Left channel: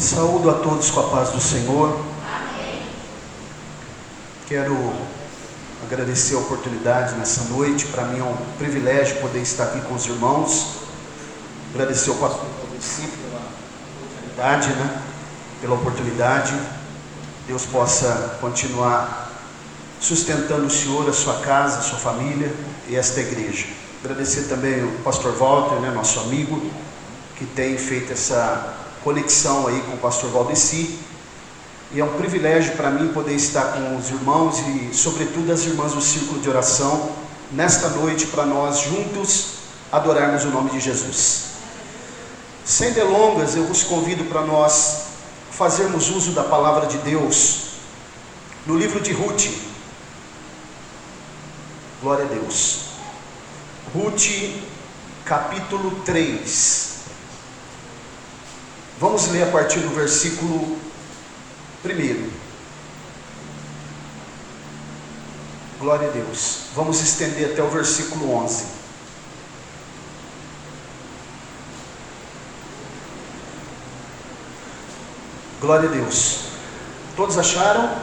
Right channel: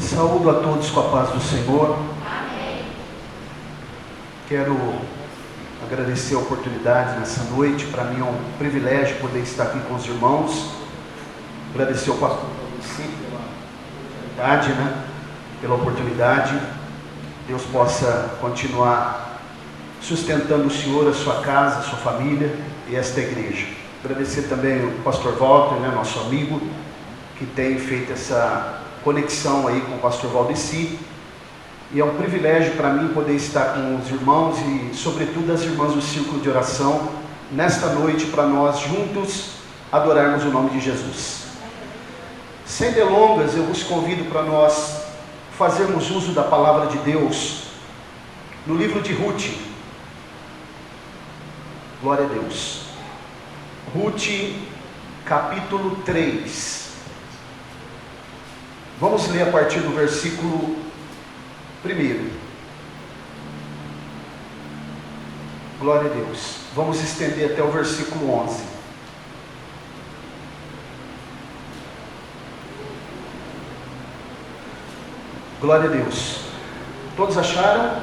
Saúdo a todos com a paz do Senhor. Amém. Quero agradecer a oportunidade nessa noite. Para mim é um privilégio poder estar aqui com os irmãos. Agradecer ao pastor pela oportunidade, pela oportunidade. Deus possa continuar sustentando o Senhor, a sua casa, a sua família e esta igreja. Agradecer também ao pastor Walter, nosso amigo, que tem feito essa conexão aí com o pastor Valdeci. E é um privilégio para mim poder estar com os irmãos e sobretudo as irmãs do círculo de oração nesta noite, para nós juntos adorarmos o nome de Jesus. Sem delongas, eu vos convido para nós fazermos uso da palavra de Deus no livro de Ruth. Glória a Deus. Ruth, capítulo 3. Vamos ler a partir do versículo 1. Glória a Deus. Vamos estender até o versículo 11. Glória a Deus. Todos acharam?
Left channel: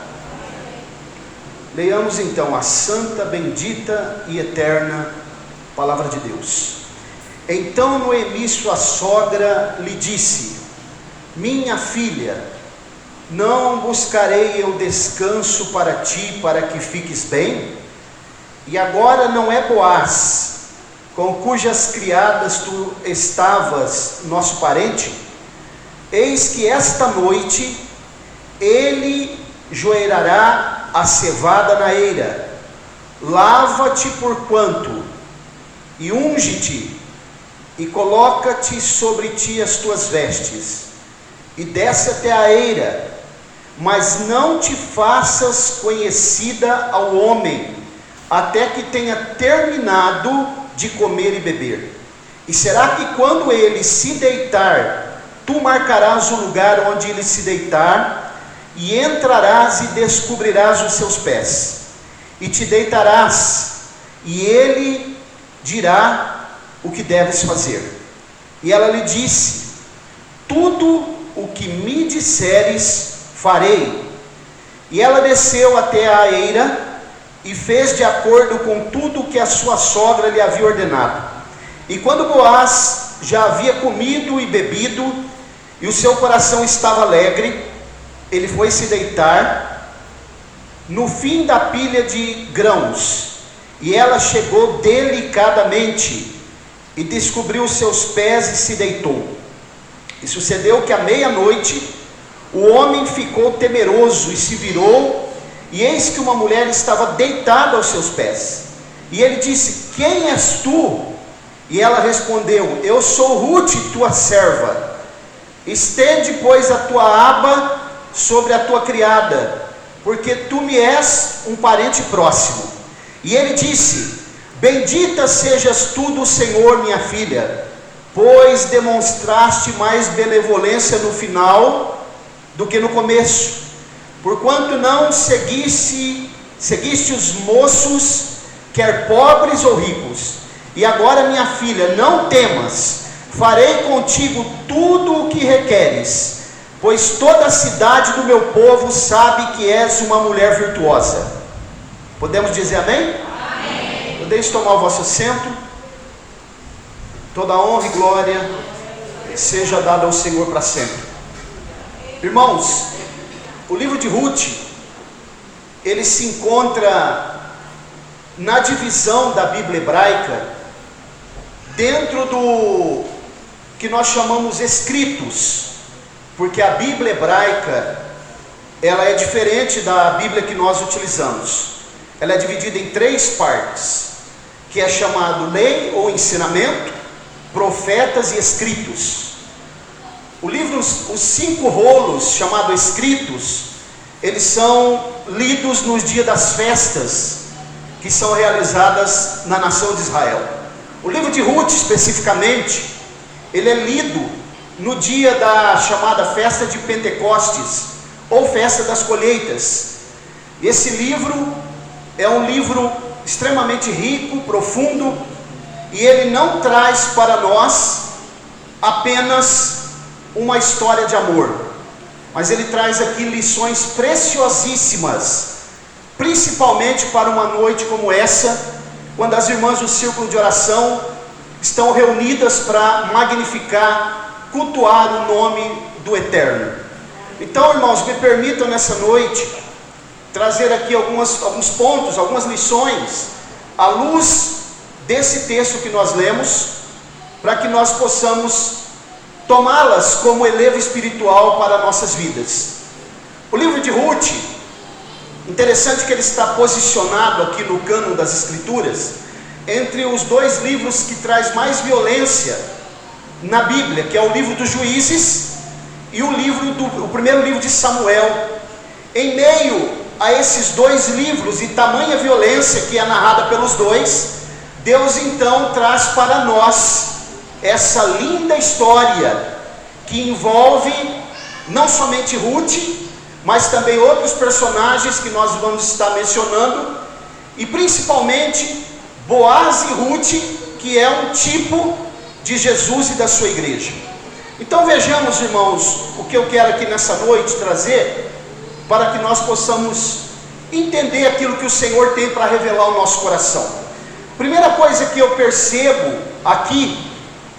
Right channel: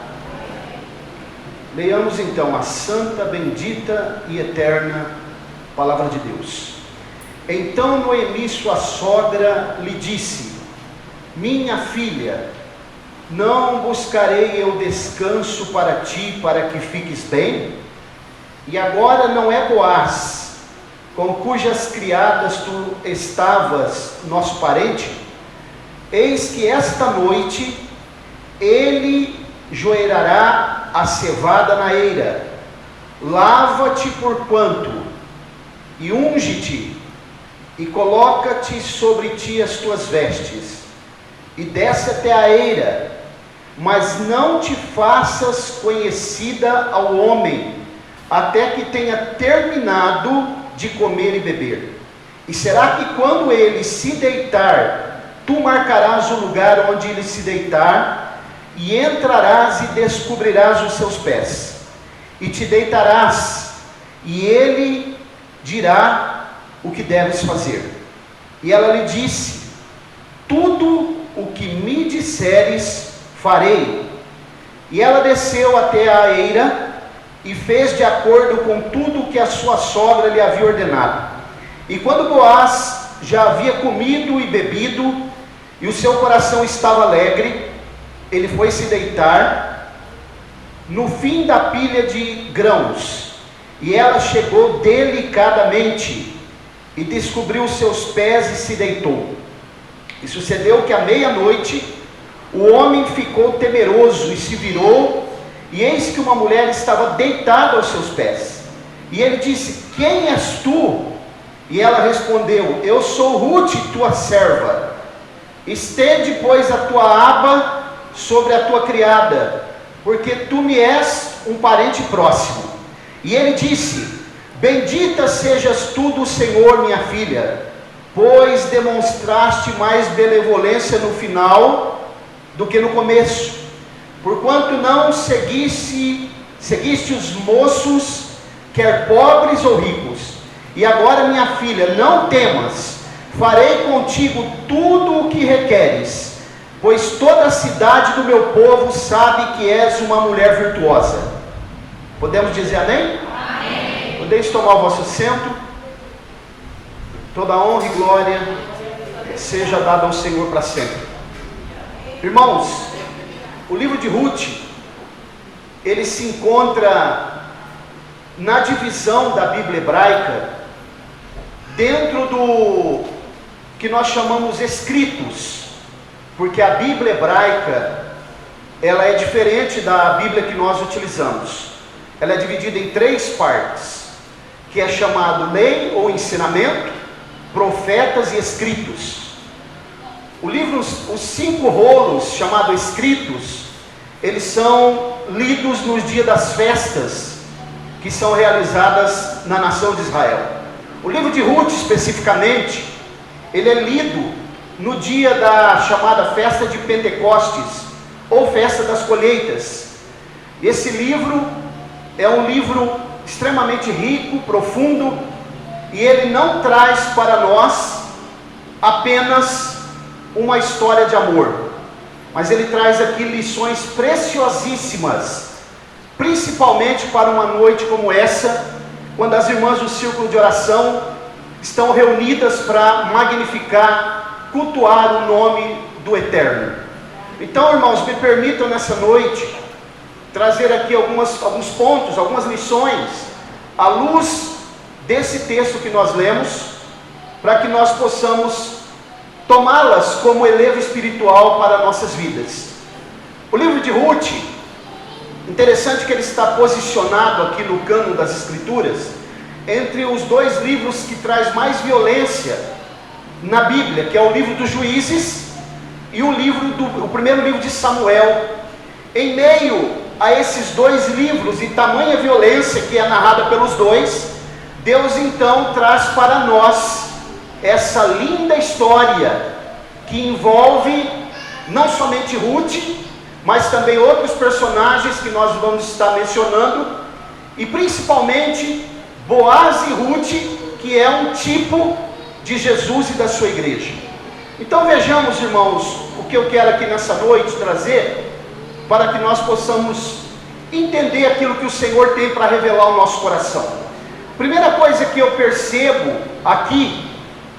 Leiamos então a santa, bendita e eterna palavra de Deus. Então Noemi, sua sogra, lhe disse: minha filha, não buscarei eu descanso para ti, para que fiques bem? E agora não é Boaz, com cujas criadas tu estavas, nosso parente? Eis que esta noite ele joerará a cevada na eira. Lava-te porquanto, e unge-te, e coloca-te sobre ti as tuas vestes, e desce até a eira, mas não te faças conhecida ao homem, até que tenha terminado de comer e beber. E será que quando ele se deitar, tu marcarás o lugar onde ele se deitar, e entrarás e descobrirás os seus pés, e te deitarás, e ele dirá o que deves fazer. E ela lhe disse: tudo o que me disseres farei. E ela desceu até a eira e fez de acordo com tudo o que a sua sogra lhe havia ordenado. E quando Boaz já havia comido e bebido, e o seu coração estava alegre, ele foi se deitar no fim da pilha de grãos, e ela chegou delicadamente e descobriu os seus pés e se deitou. E sucedeu que à meia-noite o homem ficou temeroso e se virou, e eis que uma mulher estava deitada aos seus pés. E ele disse: quem és tu? E ela respondeu: eu sou Ruth, tua serva. Estende, pois, a tua aba sobre a tua criada, porque tu me és um parente próximo. E ele disse: bendita sejas tu do Senhor, minha filha, pois demonstraste mais benevolência no final do que no começo, porquanto não seguiste os moços, quer pobres ou ricos. E agora, minha filha, não temas, farei contigo tudo o que requeres, pois toda a cidade do meu povo sabe que és uma mulher virtuosa. Podemos dizer amém? Amém. Podeis tomar o vosso assento. Toda honra e glória seja dada ao Senhor para sempre. Irmãos, o livro de Ruth, ele se encontra na divisão da Bíblia hebraica, dentro do que nós chamamos escritos, porque a Bíblia hebraica, ela é diferente da Bíblia que nós utilizamos. Ela é dividida em 3 partes, que é chamado lei ou ensinamento, profetas e escritos. O livro, os 5 rolos chamados escritos, eles são lidos nos dias das festas que são realizadas na nação de Israel. O livro de Ruth, especificamente, ele é lido no dia da chamada festa de Pentecostes, ou festa das colheitas. Esse livro é um livro extremamente rico, profundo, e ele não traz para nós apenas uma história de amor, mas ele traz aqui lições preciosíssimas, principalmente para uma noite como essa, quando as irmãs do círculo de oração estão reunidas para magnificar, cultuar o nome do Eterno. Então, irmãos, me permitam nessa noite trazer aqui alguns pontos, algumas lições, à luz desse texto que nós lemos, para que nós possamos tomá-las como elevo espiritual para nossas vidas. O livro de Ruth, interessante que ele está posicionado aqui no cânon das Escrituras, entre os dois livros que traz mais violência na Bíblia, que é o livro dos Juízes e o primeiro livro de Samuel. Em meio a esses dois livros e tamanha violência que é narrada pelos dois, Deus então traz para nós essa linda história que envolve não somente Ruth, mas também outros personagens que nós vamos estar mencionando, e principalmente Boaz e Ruth, que é um tipo de Jesus e da sua igreja. Então vejamos, irmãos, o que eu quero aqui nessa noite trazer, para que nós possamos entender aquilo que o Senhor tem para revelar ao nosso coração. Primeira coisa que eu percebo aqui,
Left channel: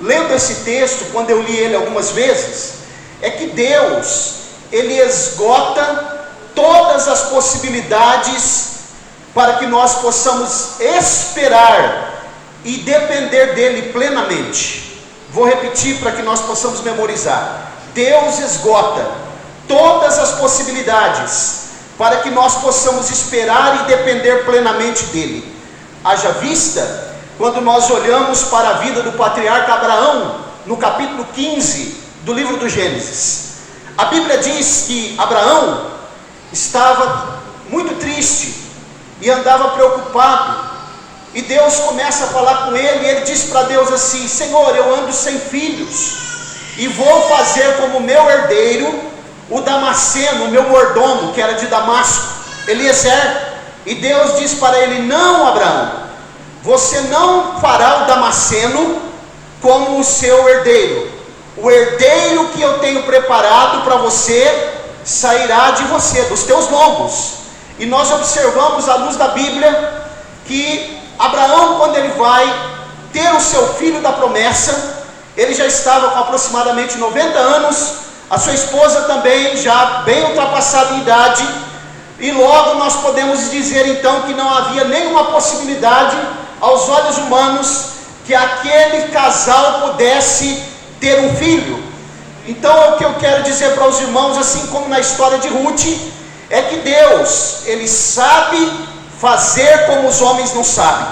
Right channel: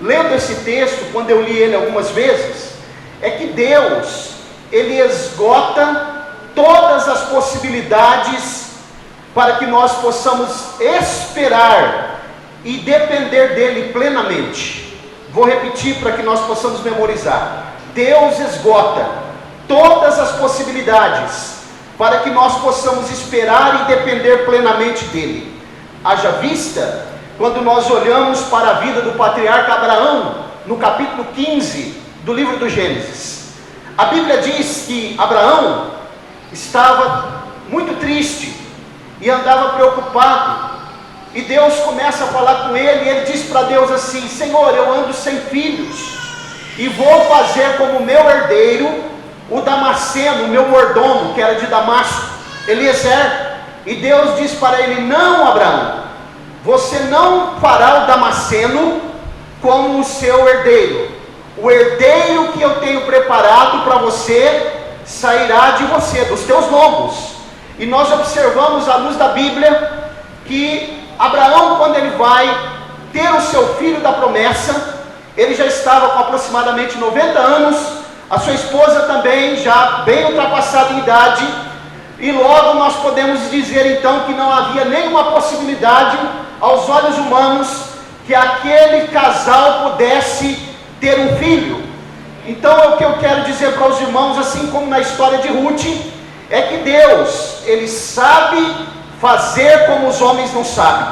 lendo esse texto, quando eu li ele algumas vezes, é que Deus, ele esgota todas as possibilidades para que nós possamos esperar e depender dele plenamente. Vou repetir para que nós possamos memorizar. Deus esgota todas as possibilidades para que nós possamos esperar e depender plenamente dele. Haja vista quando nós olhamos para a vida do patriarca Abraão, no capítulo 15 do livro do Gênesis. A Bíblia diz que Abraão estava muito triste e andava preocupado, e Deus começa a falar com ele, e ele diz para Deus assim: Senhor, eu ando sem filhos, e vou fazer como meu herdeiro, o Damasceno, o meu mordomo, que era de Damasco, Eliezer. E Deus diz para ele: não, Abraão, você não fará o Damasceno como o seu herdeiro. O herdeiro que eu tenho preparado para você sairá de você, dos teus lombos. E nós observamos à luz da Bíblia que Abraão, quando ele vai ter o seu filho da promessa, ele já estava com aproximadamente 90 anos, a sua esposa também já bem ultrapassada em idade, e logo nós podemos dizer então que não havia nenhuma possibilidade aos olhos humanos que aquele casal pudesse ter um filho. Então é o que eu quero dizer para os irmãos, assim como na história de Ruth, é que Deus, ele sabe fazer como os homens não sabem.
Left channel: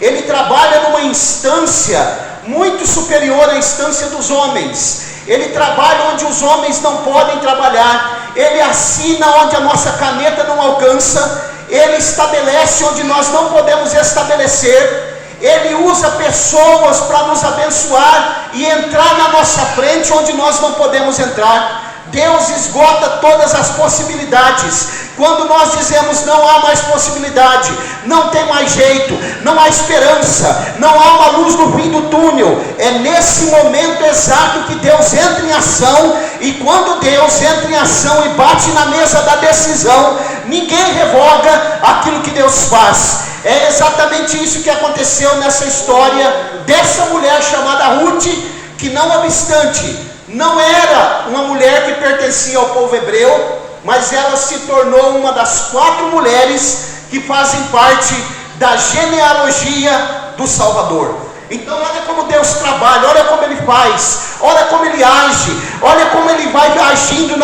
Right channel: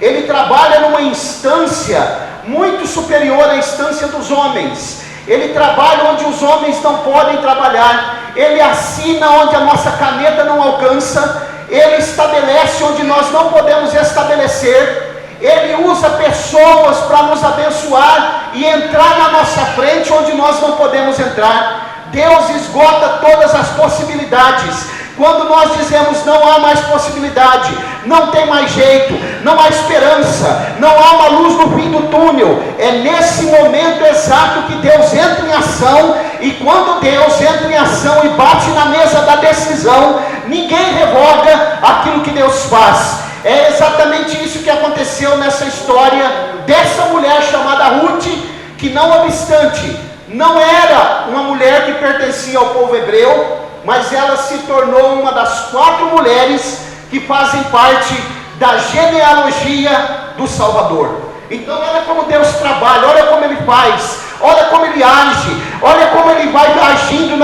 Ele trabalha numa instância muito superior à instância dos homens. Ele trabalha onde os homens não podem trabalhar. Ele assina onde a nossa caneta não alcança. Ele estabelece onde nós não podemos estabelecer. Ele usa pessoas para nos abençoar e entrar na nossa frente onde nós não podemos entrar. Deus esgota todas as possibilidades. Quando nós dizemos não há mais possibilidade, não tem mais jeito, não há esperança, não há uma luz no fim do túnel, é nesse momento exato que Deus entra em ação. E quando Deus entra em ação e bate na mesa da decisão, ninguém revoga aquilo que Deus faz. É exatamente isso que aconteceu nessa história dessa mulher chamada Ruth, que não obstante, não era uma mulher que pertencia ao povo hebreu, mas ela se tornou uma das 4 mulheres que fazem parte da genealogia do Salvador. Então olha como Deus trabalha, olha como Ele faz, olha como Ele age, olha como Ele vai agindo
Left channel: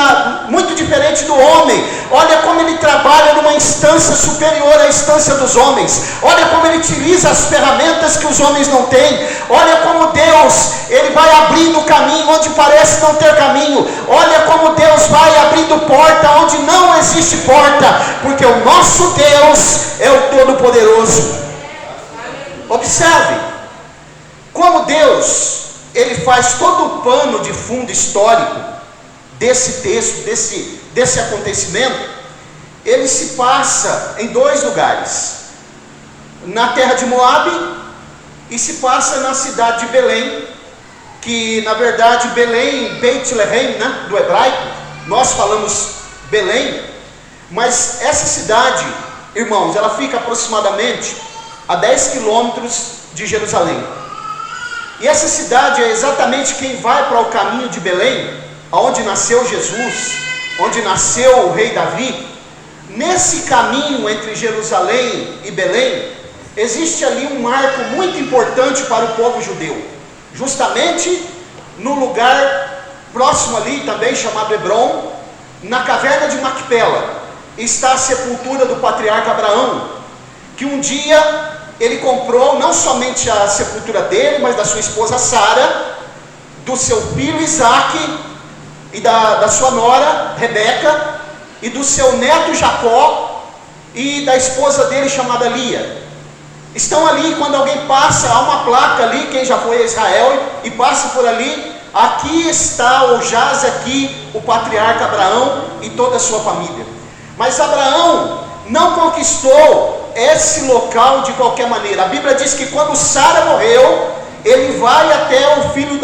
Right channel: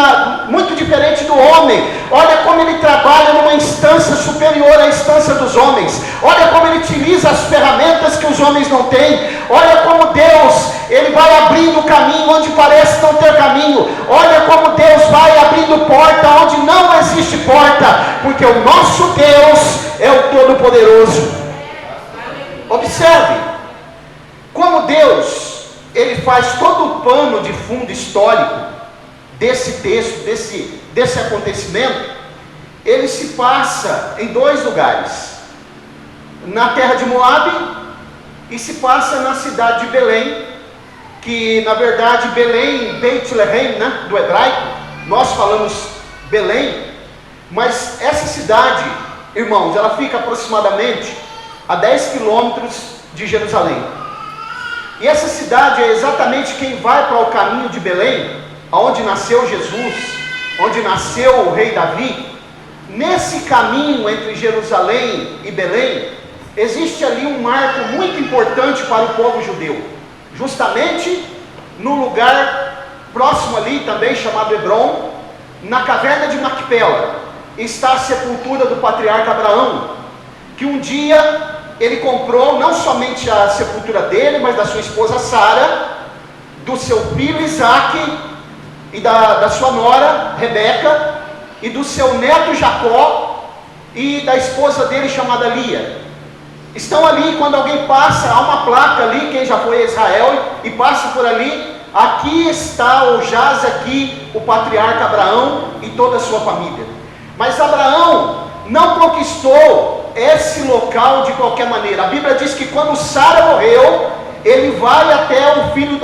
muito diferente do homem, olha como Ele trabalha numa instância superior à instância dos homens, olha como Ele utiliza as ferramentas que os homens não têm, olha como Deus, Ele vai abrindo caminho onde parece não ter caminho, olha como Deus vai abrindo porta onde não existe porta, porque o nosso Deus é o Todo-Poderoso. Observe como Deus, Ele faz todo o pano de fundo histórico desse texto, desse acontecimento. Ele se passa em 2 lugares, na terra de Moabe, e se passa na cidade de Belém, que na verdade Belém, Beit Lehem, né, do hebraico, nós falamos Belém, mas essa cidade, irmãos, ela fica aproximadamente a 10 quilômetros de Jerusalém. E essa cidade é exatamente quem vai para o caminho de Belém, onde nasceu Jesus, onde nasceu o rei Davi. Nesse caminho entre Jerusalém e Belém, existe ali um marco muito importante para o povo judeu, justamente no lugar próximo ali também chamado Hebron, na caverna de Macpela, está a sepultura do patriarca Abraão, que um dia ele comprou não somente a sepultura dele, mas da sua esposa Sara, do seu filho Isaque e da sua nora Rebeca, e do seu neto Jacó e da esposa dele chamada Lia. Estão ali, quando alguém passa, há uma placa ali, quem já foi a Israel e passa por ali, aqui está ou jaz aqui o patriarca Abraão e toda a sua família. Mas Abraão não conquistou esse local de qualquer maneira. A Bíblia diz que quando Sara morreu, ele vai até o filho,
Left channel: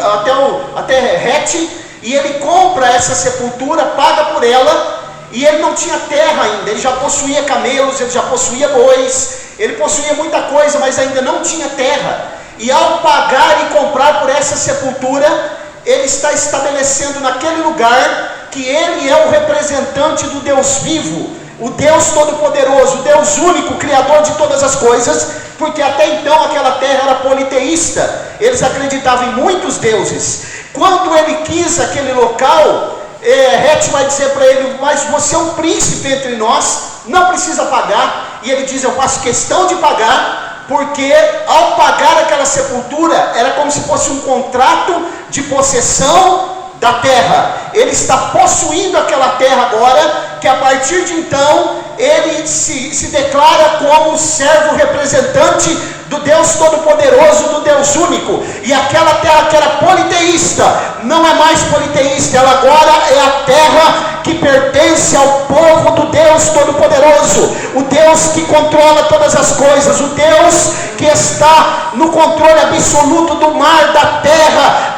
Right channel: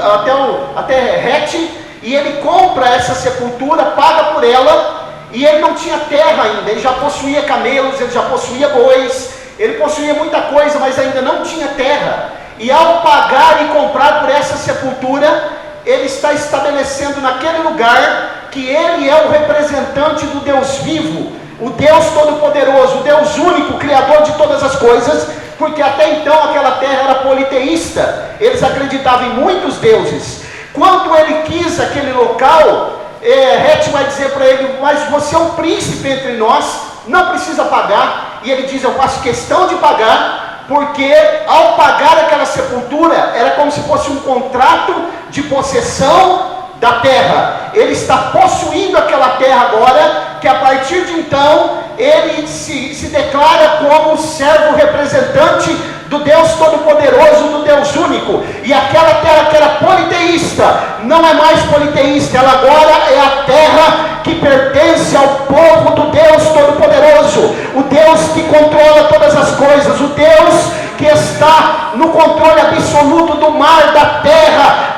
até Het, e ele compra essa sepultura, paga por ela, e ele não tinha terra ainda, ele já possuía camelos, ele já possuía bois, ele possuía muita coisa, mas ainda não tinha terra. E ao pagar e comprar por essa sepultura, ele está estabelecendo naquele lugar que ele é o representante do Deus vivo, o Deus Todo-Poderoso, o Deus único, Criador de todas as coisas, porque até então aquela terra era politeísta, eles acreditavam em muitos deuses. Quando ele quis aquele local, Het vai dizer para ele: mas você é um príncipe entre nós, não precisa pagar. E ele diz: eu faço questão de pagar, porque ao pagar aquela sepultura, era como se fosse um contrato de possessão da terra. Ele está possuindo aquela terra agora, que a partir de então, ele se declara como servo representante do Deus Todo-Poderoso, do Deus único. E aquela terra que era politeísta, não é mais politeísta, ela agora é a terra que pertence ao povo do Deus Todo-Poderoso, o Deus que controla todas as coisas, o Deus que está no controle absoluto do mar, da terra,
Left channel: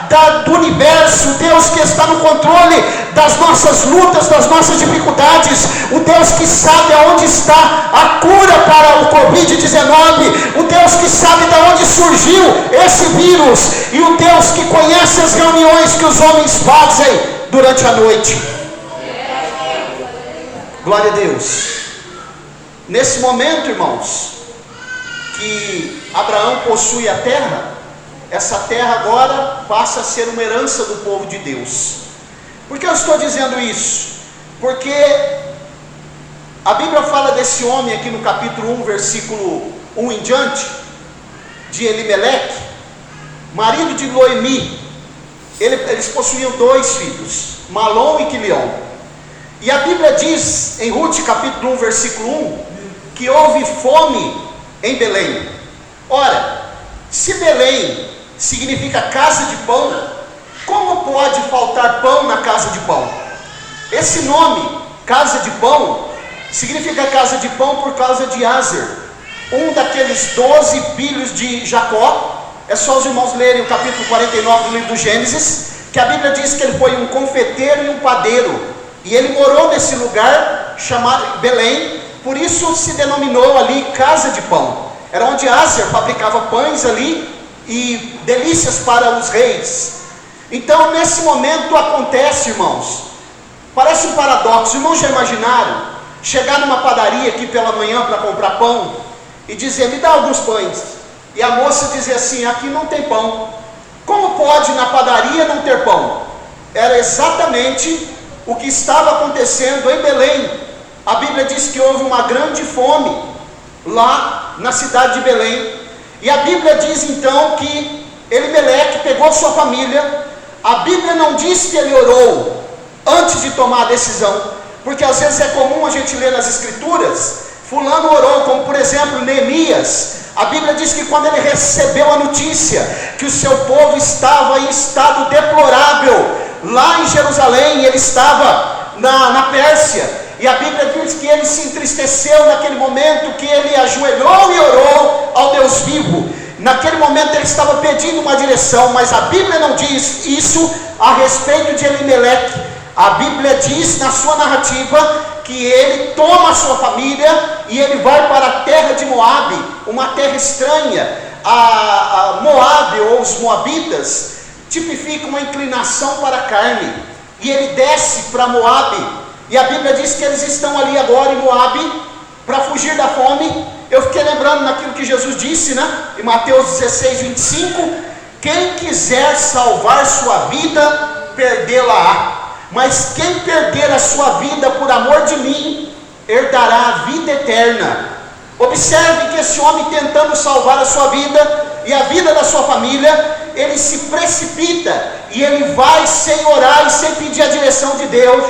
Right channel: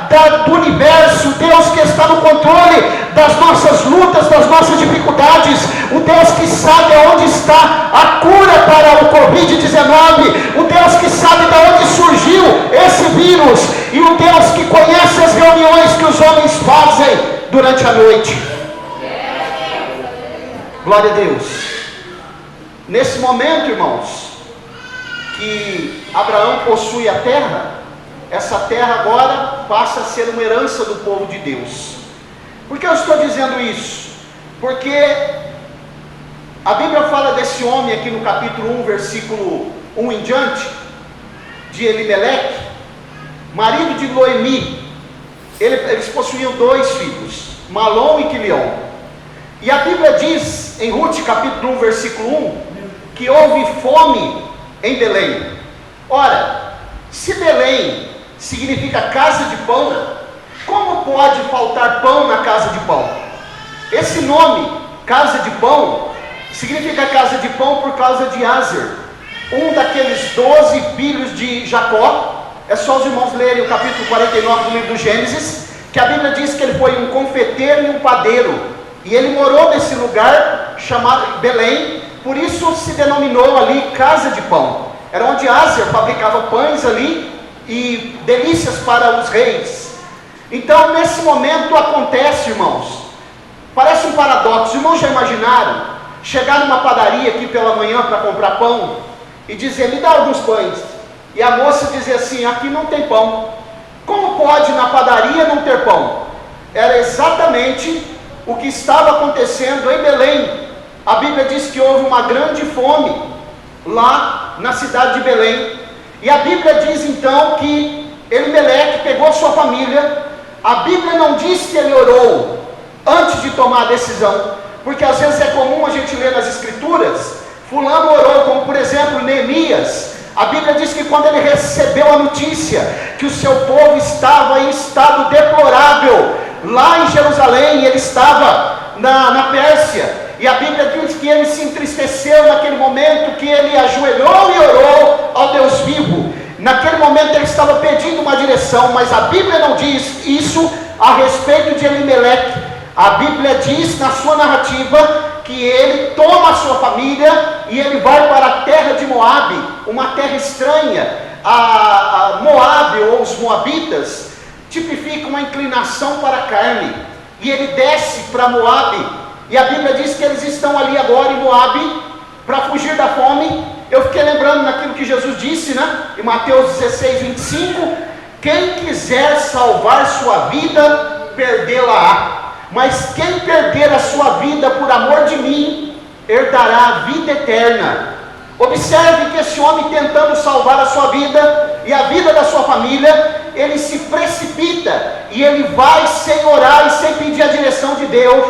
do universo, Deus que está no controle das nossas lutas, das nossas dificuldades, o Deus que sabe aonde está a cura para o Covid-19, o Deus que sabe de onde surgiu esse vírus, e o Deus que conhece as reuniões que os homens fazem durante a noite. Glória a Deus. Nesse momento, irmãos, que Abraão possui a terra, essa terra agora passa a ser uma herança do povo de Deus. Por que eu estou dizendo isso? Porque a Bíblia fala desse homem aqui no capítulo 1, versículo 1 em diante, de Elimeleque, marido de Noemi. Eles possuíam 2 filhos, Malom e Quilion. E a Bíblia diz em Ruth capítulo 1, versículo 1, que houve fome em Belém. Ora, se Belém significa casa de pão, como pode faltar pão na casa de pão? Esse nome, casa de pão, significa casa de pão por causa de Aser, um daqueles 12 filhos de Jacó. É só os irmãos lerem o capítulo 49 do livro do Gênesis, que a Bíblia diz que ele foi um confeiteiro e um padeiro, e ele morou nesse lugar chamado Belém, por isso se denominou ali casa de pão. Era onde Aser fabricava pães ali e delícias para os reis. Então nesse momento acontece, irmãos, parece um paradoxo. Irmãos, já imaginaram chegar numa padaria aqui pela manhã para comprar pão e dizer: me dá alguns pães, e a moça dizer assim: aqui não tem pão. Como pode na padaria não ter pão? Era exatamente o que estava acontecendo em Belém. A Bíblia diz que houve uma grande fome lá na cidade de Belém. E a Bíblia diz então que Elimeleque pegou sua família. A Bíblia não diz que ele orou antes de tomar a decisão, porque às vezes é comum a gente ler nas escrituras, fulano orou, como por exemplo Neemias. A Bíblia diz que quando ele recebeu a notícia que o seu povo estava em estado deplorável lá em Jerusalém, ele estava na Pérsia, e a Bíblia diz que ele se entristeceu naquele momento, que ele ajoelhou e orou ao Deus vivo. Naquele momento ele estava pedindo uma direção, mas a Bíblia não diz isso a respeito de Elimeleque. A Bíblia diz na sua narrativa que ele toma a sua família e ele vai para a terra de Moabe, uma terra estranha. A Moabe, ou os moabitas, tipifica uma inclinação para a carne, e ele desce para Moabe, e a Bíblia diz que eles estão ali agora em Moabe, para fugir da fome. Eu fiquei lembrando naquilo que Jesus disse, em Mateus 16, 25, quem quiser salvar sua vida, perdê-la-á, mas quem perder a sua vida por amor de mim, herdará a vida eterna. Observe que esse homem, tentando salvar a sua vida e a vida da sua família, ele se precipita e ele vai sem orar e sem pedir a direção de Deus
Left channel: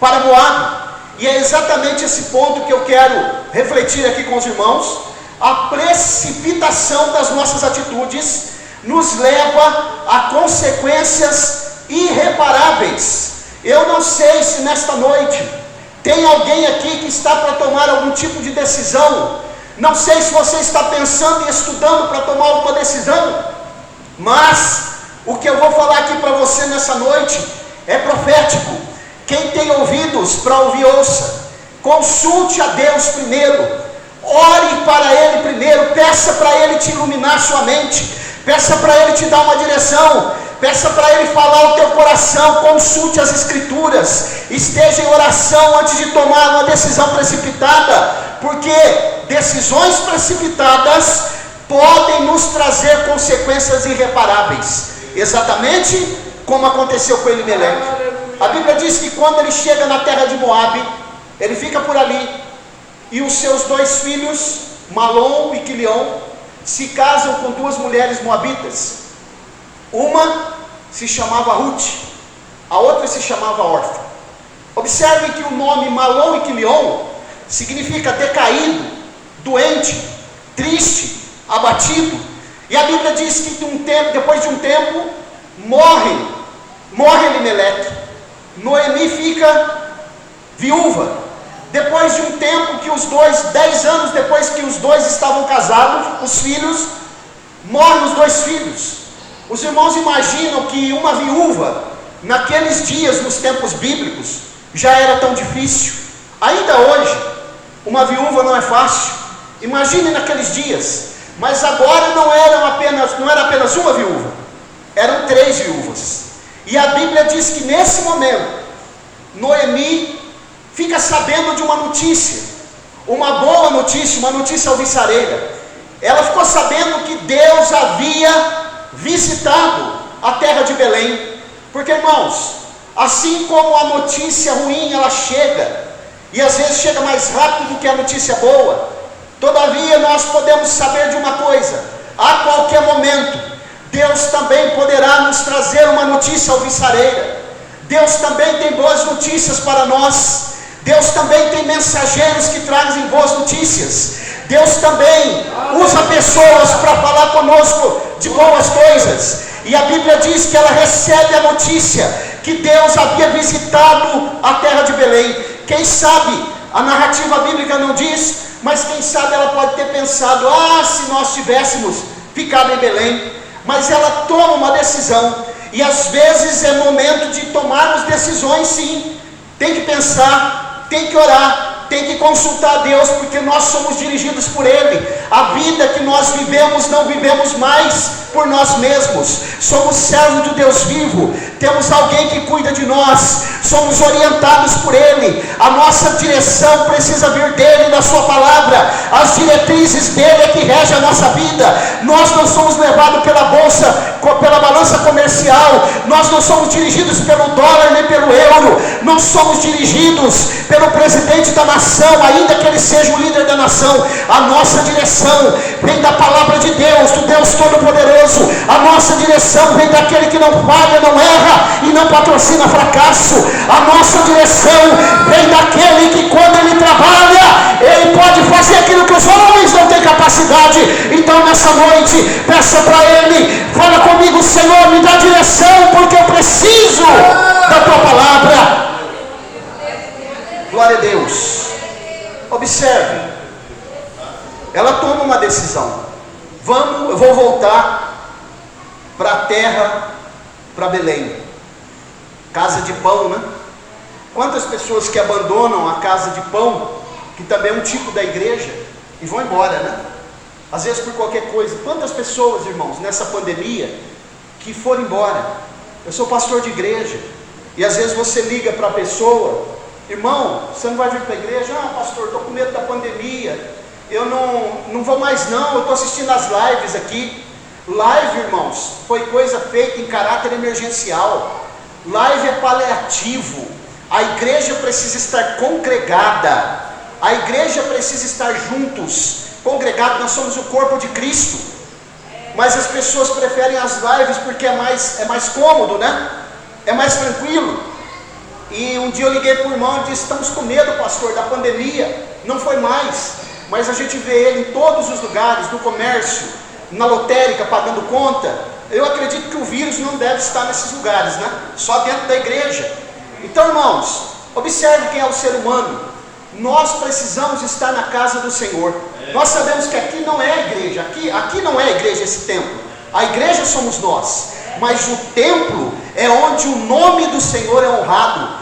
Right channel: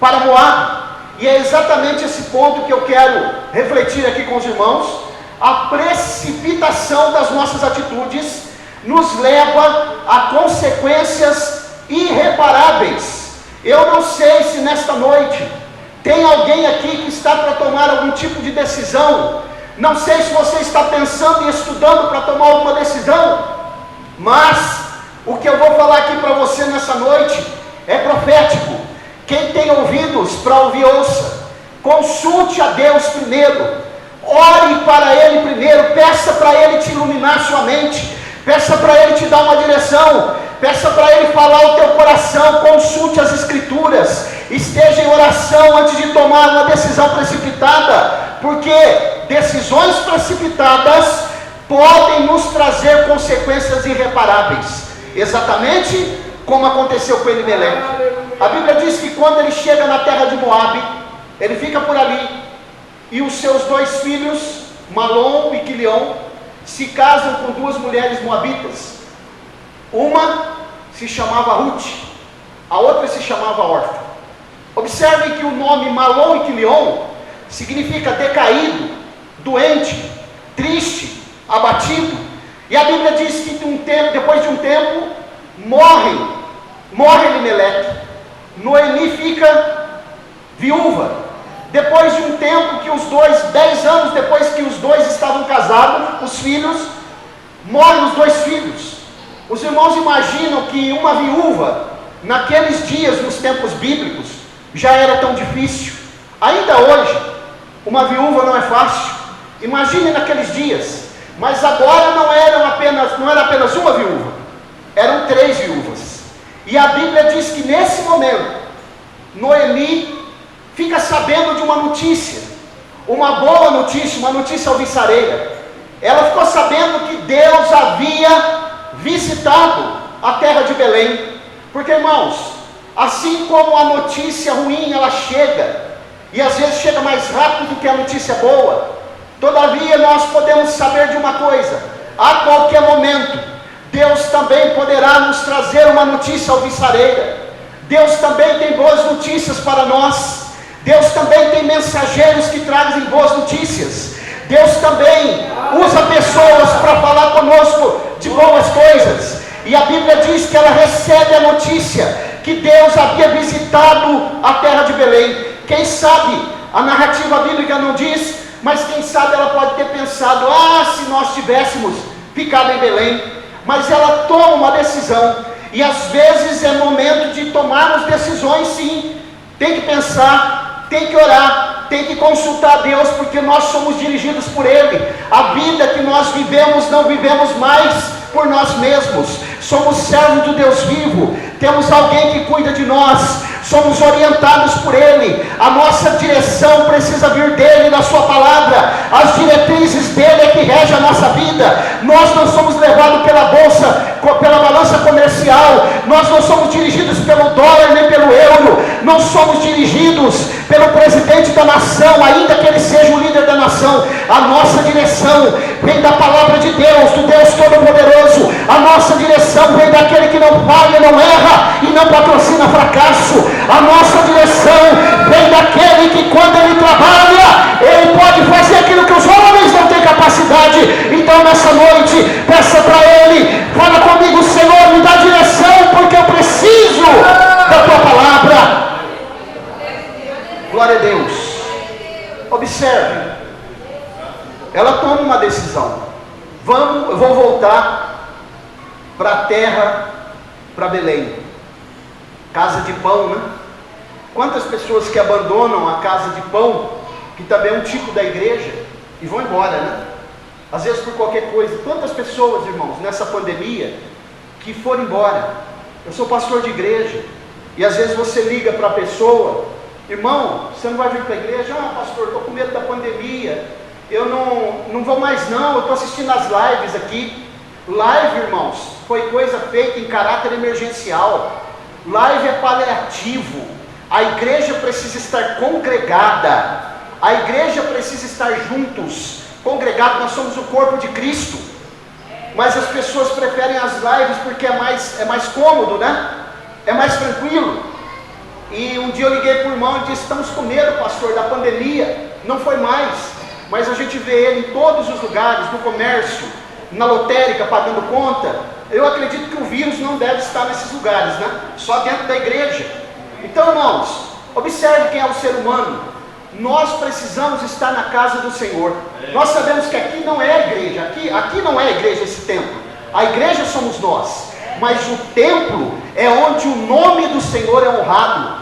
para Moabe. E é exatamente esse ponto que eu quero refletir aqui com os irmãos. A precipitação das nossas atitudes nos leva a consequências irreparáveis. Eu não sei se nesta noite tem alguém aqui que está para tomar algum tipo de decisão. Não sei se você está pensando e estudando para tomar alguma decisão, mas o que eu vou falar aqui para você nessa noite é profético. Quem tem ouvidos para ouvir, ouça. Consulte a Deus primeiro, ore para Ele primeiro, peça para Ele te iluminar sua mente, peça para Ele te dar uma direção, peça para Ele falar ao teu coração, consulte as Escrituras, esteja em oração antes de tomar uma decisão precipitada, porque decisões precipitadas podem nos trazer consequências irreparáveis, exatamente como aconteceu com Elimeleque. A Bíblia diz que quando ele chega na terra de Moabe, ele fica por ali, e os seus 2 filhos, Malom e Quilion, se casam com 2 mulheres moabitas. Uma se chamava Ruth, a outra se chamava Orfa. Observem que o nome Malom e Quilion significa decaído, doente, triste, abatido. E a Bíblia diz que depois de um tempo, morre Elimeleque. Noemi fica viúva. Depois de um tempo que 10 anos depois que os 2 estavam casados, os filhos, morrem os 2 filhos. Os irmãos imaginam que uma viúva, naqueles dias, nos tempos bíblicos, já era tão difícil. Ainda hoje, uma viúva não é fácil. Imagine naqueles dias. Mas agora não era apenas uma viúva, eram 3 viúvas. E a Bíblia diz que nesse momento, Noemi fica sabendo de uma notícia, uma boa notícia, uma notícia alvissareira. Ela ficou sabendo que Deus havia visitado a terra de Belém. Porque, irmãos, assim como a notícia ruim ela chega, e às vezes chega mais rápido do que a notícia boa, todavia nós podemos saber de uma coisa: a qualquer momento Deus também poderá nos trazer uma notícia alvissareira. Deus também tem boas notícias para nós. Deus também tem mensageiros que trazem boas notícias. Deus também usa pessoas para falar conosco de boas coisas. E a Bíblia diz que ela recebe a notícia que Deus havia visitado a terra de Belém. Quem sabe, a narrativa bíblica não diz, mas quem sabe ela pode ter pensado: se nós tivéssemos ficado em Belém. Mas ela toma uma decisão, e às vezes é momento de tomarmos decisões, sim. Tem que pensar, tem que orar, tem que consultar a Deus, porque nós somos dirigidos por Ele. A vida que nós vivemos, não vivemos mais por nós mesmos, somos servos do Deus vivo, temos alguém que cuida de nós, somos orientados por Ele, a nossa direção precisa vir dEle, da Sua palavra, as diretrizes dEle é que regem a nossa vida. Nós não somos levados pela balança comercial, nós não somos dirigidos pelo dólar nem pelo euro, não somos dirigidos pelo presidente da nação, ainda que ele seja o líder da nação. A nossa direção vem da palavra de Deus, do Deus Todo-Poderoso. A nossa direção vem daquele que não falha, não erra e não patrocina fracasso. A nossa direção vem daquele que, quando ele trabalha, ele pode fazer aquilo que os homens não têm capacidade. Então nessa noite, peça para Ele, fala comigo: Senhor, me dá direção, porque eu preciso da Tua palavra. Glória a Deus. Observe, ela toma uma decisão. Eu vou voltar para a terra, para Belém, casa de pão, Quantas pessoas que abandonam a casa de pão, que também é um tipo da igreja, e vão embora, né? Às vezes por qualquer coisa. Quantas pessoas, irmãos, nessa pandemia, que foram embora? Eu sou pastor de igreja, e às vezes você liga para a pessoa: irmão, você não vai vir para a igreja? Ah, pastor, estou com medo da pandemia, eu não vou mais não, eu estou assistindo as lives aqui. Live, irmãos, foi coisa feita em caráter emergencial. Live é paliativo. A igreja precisa estar congregada, a igreja precisa estar juntos, congregado. Nós somos o corpo de Cristo, mas as pessoas preferem as lives porque é mais cômodo, né? É mais tranquilo. E um dia eu liguei para o irmão e disse: estamos com medo, pastor, da pandemia. Não foi mais, mas a gente vê ele em todos os lugares, no comércio, na lotérica, pagando conta. Eu acredito que o vírus não deve estar nesses lugares, né? Só dentro da igreja. Então, irmãos, observe quem é o ser humano. Nós precisamos estar na casa do Senhor. Nós sabemos que aqui não é a igreja, aqui não é a igreja, esse templo. A igreja somos nós, mas o templo é onde o nome do Senhor é honrado.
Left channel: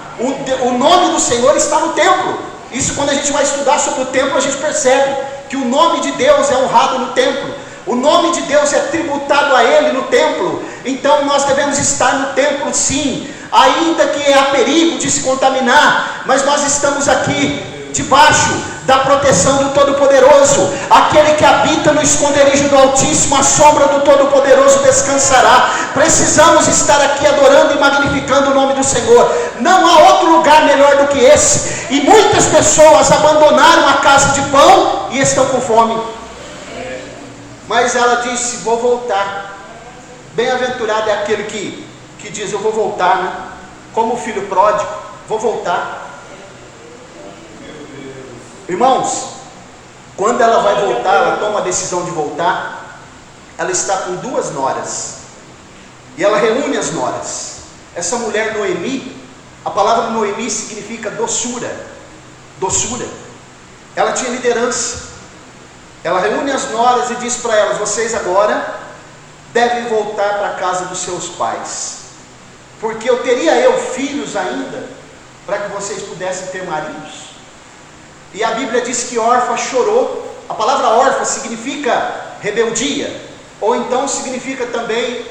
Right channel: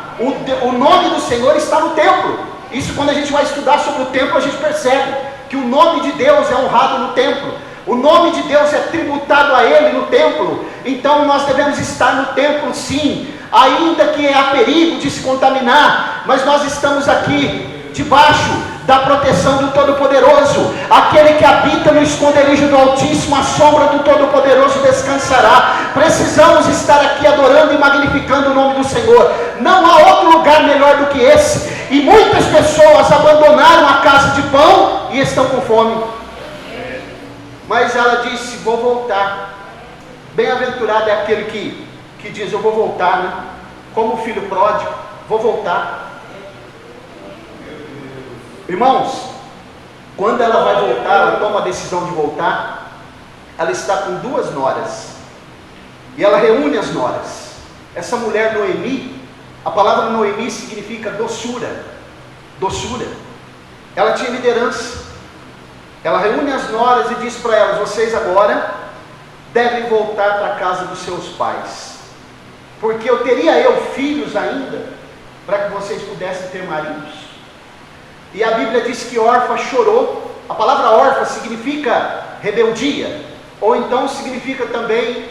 O nome do Senhor está no templo. Isso, quando a gente vai estudar sobre o templo, a gente percebe que o nome de Deus é honrado no templo. O nome de Deus é tributado a Ele no templo. Então nós devemos estar no templo, sim, ainda que há perigo de se contaminar, mas nós estamos aqui debaixo da proteção do Todo-Poderoso. Aquele que habita no esconderijo do Altíssimo, a sombra do Todo-Poderoso descansará. Precisamos estar aqui adorando e magnificando o nome do Senhor. Não há outro lugar melhor do que esse. E muitas pessoas abandonaram a casa de pão e estão com fome. Mas ela disse: vou voltar. Bem-aventurado é aquele que diz: eu vou voltar, né? Como o filho pródigo, vou voltar. Irmãos, quando ela vai voltar, ela toma a decisão de voltar, ela está com 2 noras, e ela reúne as noras. Essa mulher Noemi, a palavra Noemi significa doçura, doçura. Ela tinha liderança. Ela reúne as noras e diz para elas: vocês agora devem voltar para a casa dos seus pais, porque eu teria filhos ainda, para que vocês pudessem ter maridos. E a Bíblia diz que Orfa chorou. A palavra Orfa significa rebeldia, ou então significa também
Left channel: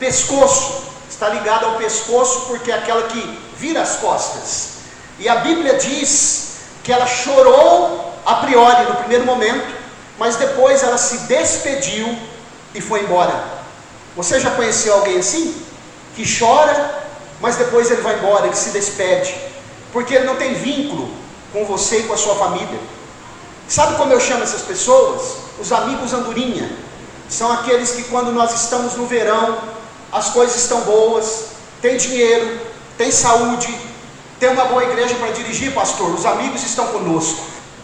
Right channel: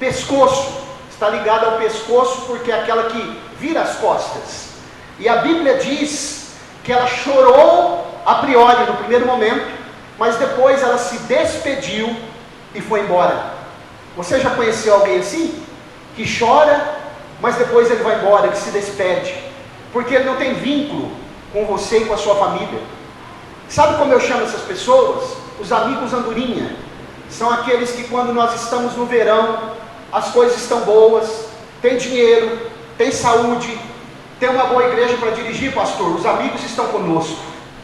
pescoço. Está ligado ao pescoço porque é aquela que vira as costas. E a Bíblia diz que ela chorou a priori no primeiro momento, mas depois ela se despediu e foi embora. Você já conheceu alguém assim? Que chora, mas depois ele vai embora, que se despede, porque ele não tem vínculo com você e com a sua família. Sabe como eu chamo essas pessoas? Os amigos andorinha. São aqueles que, quando nós estamos no verão, as coisas estão boas, tem dinheiro, tem saúde, tem uma boa igreja para dirigir, pastor, os amigos estão conosco.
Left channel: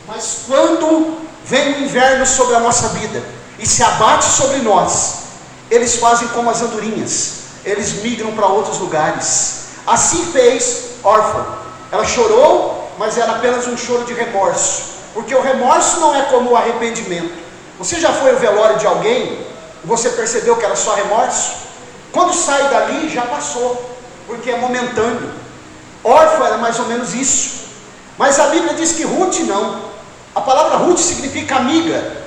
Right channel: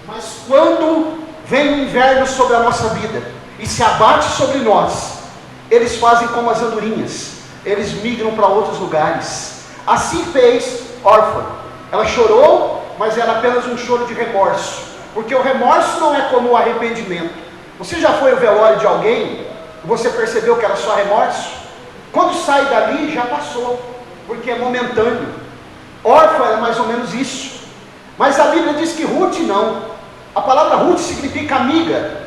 Mas quando vem o inverno sobre a nossa vida e se abate sobre nós, eles fazem como as andorinhas, eles migram para outros lugares. Assim fez Orfa. Ela chorou, mas era apenas um choro de remorso, porque o remorso não é como o arrependimento. Você já foi ao velório de alguém e você percebeu que era só remorso? Quando sai dali, já passou, porque é momentâneo. Orfa era mais ou menos isso. Mas a Bíblia diz que Ruth não. A palavra Ruth significa amiga,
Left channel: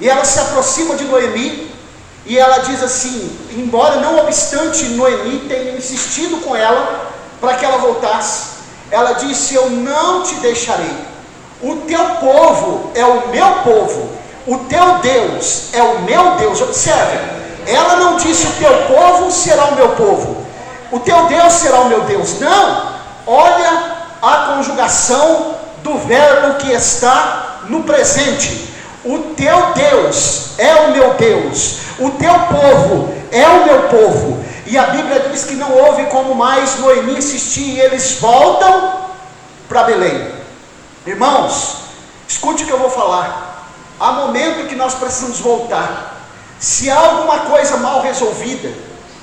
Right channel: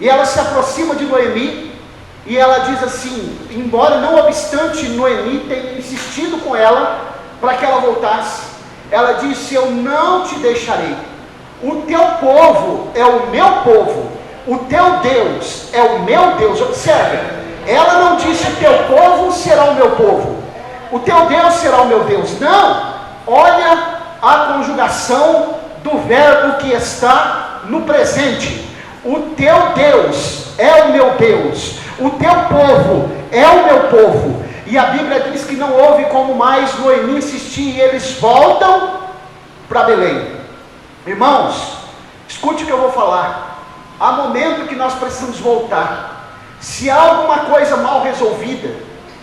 e ela se aproxima de Noemi, e ela diz assim, embora não obstante Noemi tenha insistido com ela para que ela voltasse, ela disse: eu não te deixarei, o teu povo é o meu povo, o teu Deus é o meu Deus. Observe, ela não disse: o teu povo será o meu povo, o teu Deus será o meu Deus. Não, olha a conjugação do verbo que está no presente. O teu Deus é o meu Deus, o teu povo é o meu povo. E a Bíblia diz que não houve como mais Noemi insistir, e eles voltam para Belém. Irmãos, escute o que eu vou falar. Há momento em que nós precisamos voltar. Se há alguma coisa mal resolvida,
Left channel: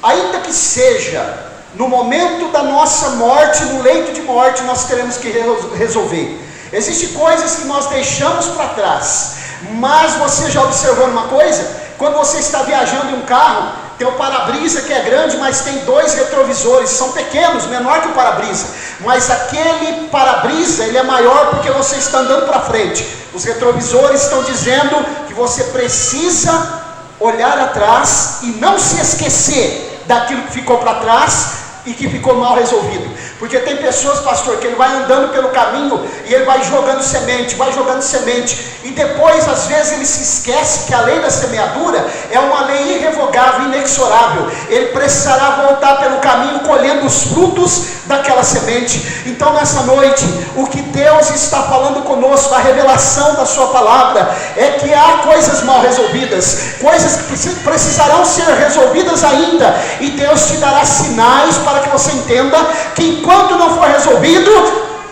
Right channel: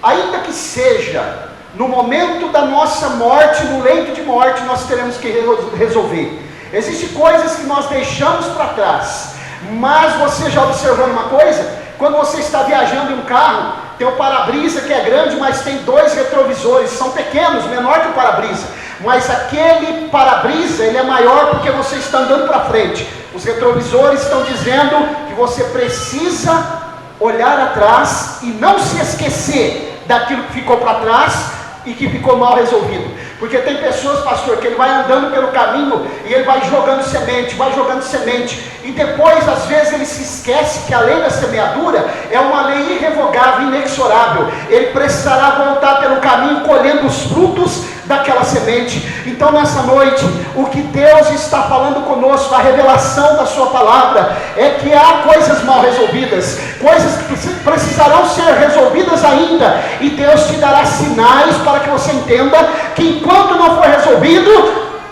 ainda que seja no momento da nossa morte, no leito de morte, nós teremos que resolver. Existem coisas que nós deixamos para trás, mas você já observou uma coisa? Quando você está viajando em um carro, Tem o para-brisa que é grande, mas tem 2 retrovisores, são pequenos, menor que o para-brisa, mas aquele para-brisa, ele é maior porque você está andando para frente. Os retrovisores estão dizendo que você precisa olhar atrás e não se esquecer daquilo que ficou para trás e que ficou mal resolvido. Porque tem pessoas, pastor, que ele vai andando pelo caminho e ele vai jogando semente, e depois às vezes ele se esquece que a lei da semeadura é uma lei irrevogável, inexorável. Ele precisará voltar pelo caminho colhendo os frutos daquela semente. Então nessa noite, o que Deus está falando conosco, a revelação da sua palavra, é que há coisas mal resolvidas, coisas que precisarão ser resolvidas ainda, e Deus te dará sinais para que você entenda que enquanto não for resolvido,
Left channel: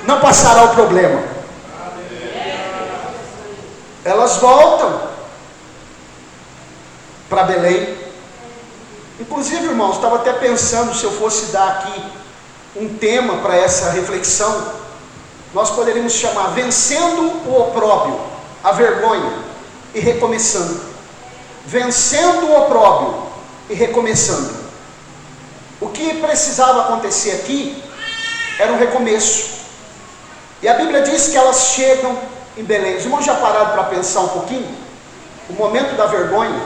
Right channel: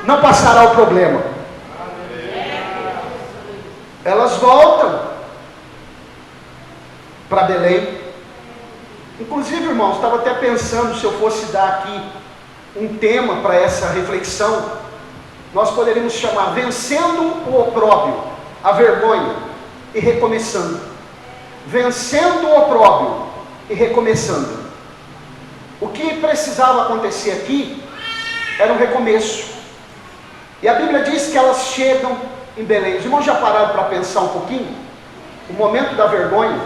não passará o problema. Elas voltam para Belém. Inclusive, irmãos, estava até pensando, se eu fosse dar aqui um tema para essa reflexão, nós poderíamos chamar vencendo o opróbrio, a vergonha, e recomeçando. Vencendo o opróbrio e recomeçando. O que precisava acontecer aqui era um recomeço. E a Bíblia diz que elas chegam em Belém. Os irmãos já pararam para pensar um pouquinho? O momento da vergonha.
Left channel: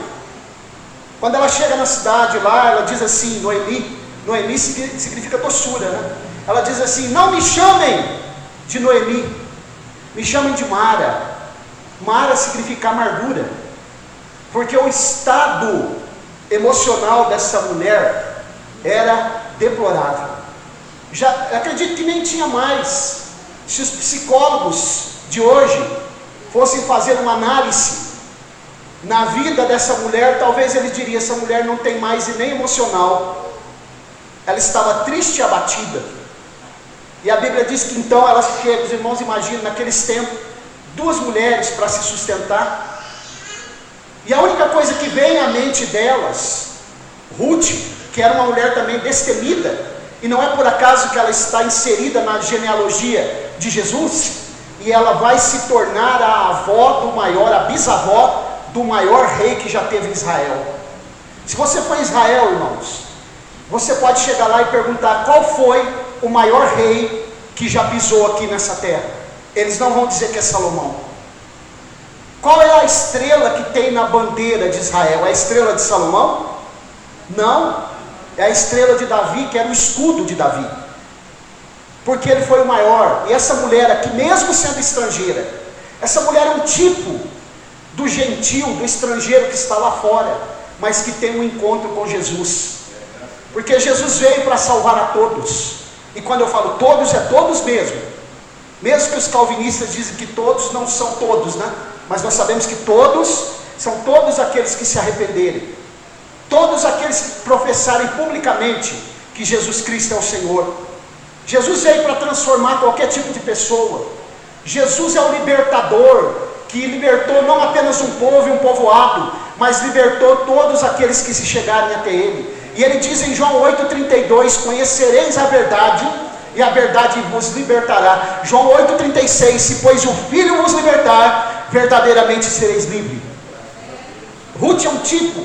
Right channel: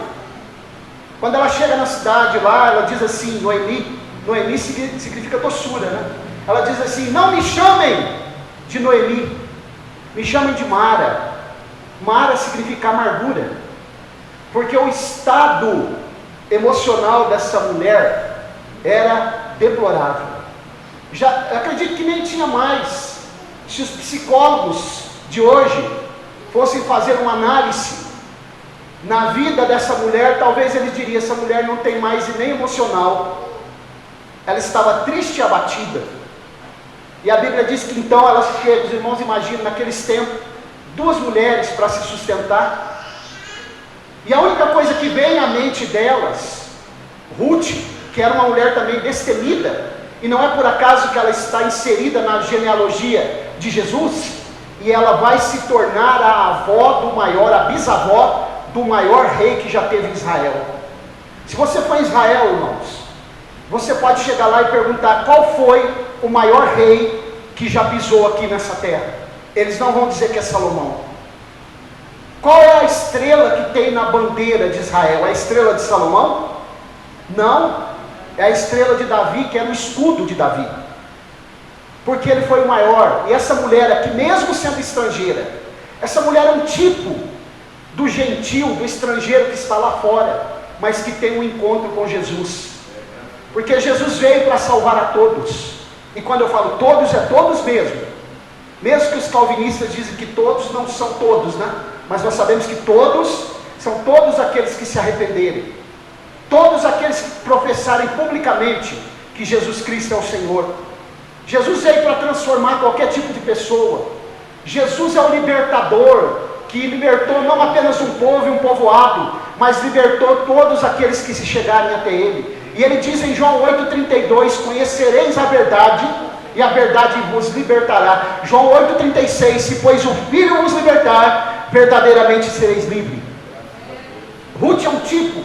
Quando ela chega na cidade lá, ela diz assim, Noemi significa doçura, né? Ela diz assim, não me chamem de Noemi, me chamem de Mara. Mara significa amargura, porque o estado emocional dessa mulher era deplorável. Já acredito que nem tinha mais. Se os psicólogos de hoje fossem fazer uma análise na vida dessa mulher, talvez eles diriam, essa mulher não tem mais e nem emocional. Ela estava triste e abatida. E a Bíblia diz que então elas chegam, os irmãos imaginam naqueles tempos, 2 mulheres para se sustentar. E a única coisa que vem à mente delas, Ruth, que era uma mulher também destemida, e não é por acaso que ela está inserida na genealogia de Jesus, e ela vai se tornar a avó do maior, a bisavó do maior rei que já teve em Israel. Se você for em Israel, irmãos, você pode chegar lá e perguntar qual foi o maior rei que já pisou aqui nessa terra. Eles não vão dizer que é Salomão. Qual é a estrela que tem na bandeira de Israel? É a estrela de Salomão? Não, é a estrela de Davi, que era o escudo de Davi, porque ele foi o maior. E essa mulher aqui, mesmo sendo estrangeira, essa mulher é um tipo do gentil, do estrangeiro que está lá fora, mas que tem um encontro com Jesus, porque Jesus veio para salvar a todos. E quando eu falo todos, é todos mesmo que os calvinistas dizem que todos não são todos, né? Mas nós sabemos que todos são todos aqueles que se arrependerem, todos aqueles que professarem publicamente que Jesus Cristo é o Senhor. Jesus veio para transformar qualquer tipo de pessoa. Jesus é o libertador, que libertou não apenas um povo e um povoado, mas libertou todos aqueles que se chegarem até Ele. E Ele diz em João 8,32, conhecereis a verdade, e a verdade vos libertará. João 8,36, se pois o Filho vos libertar, verdadeiramente sereis livres. Ruth é um tipo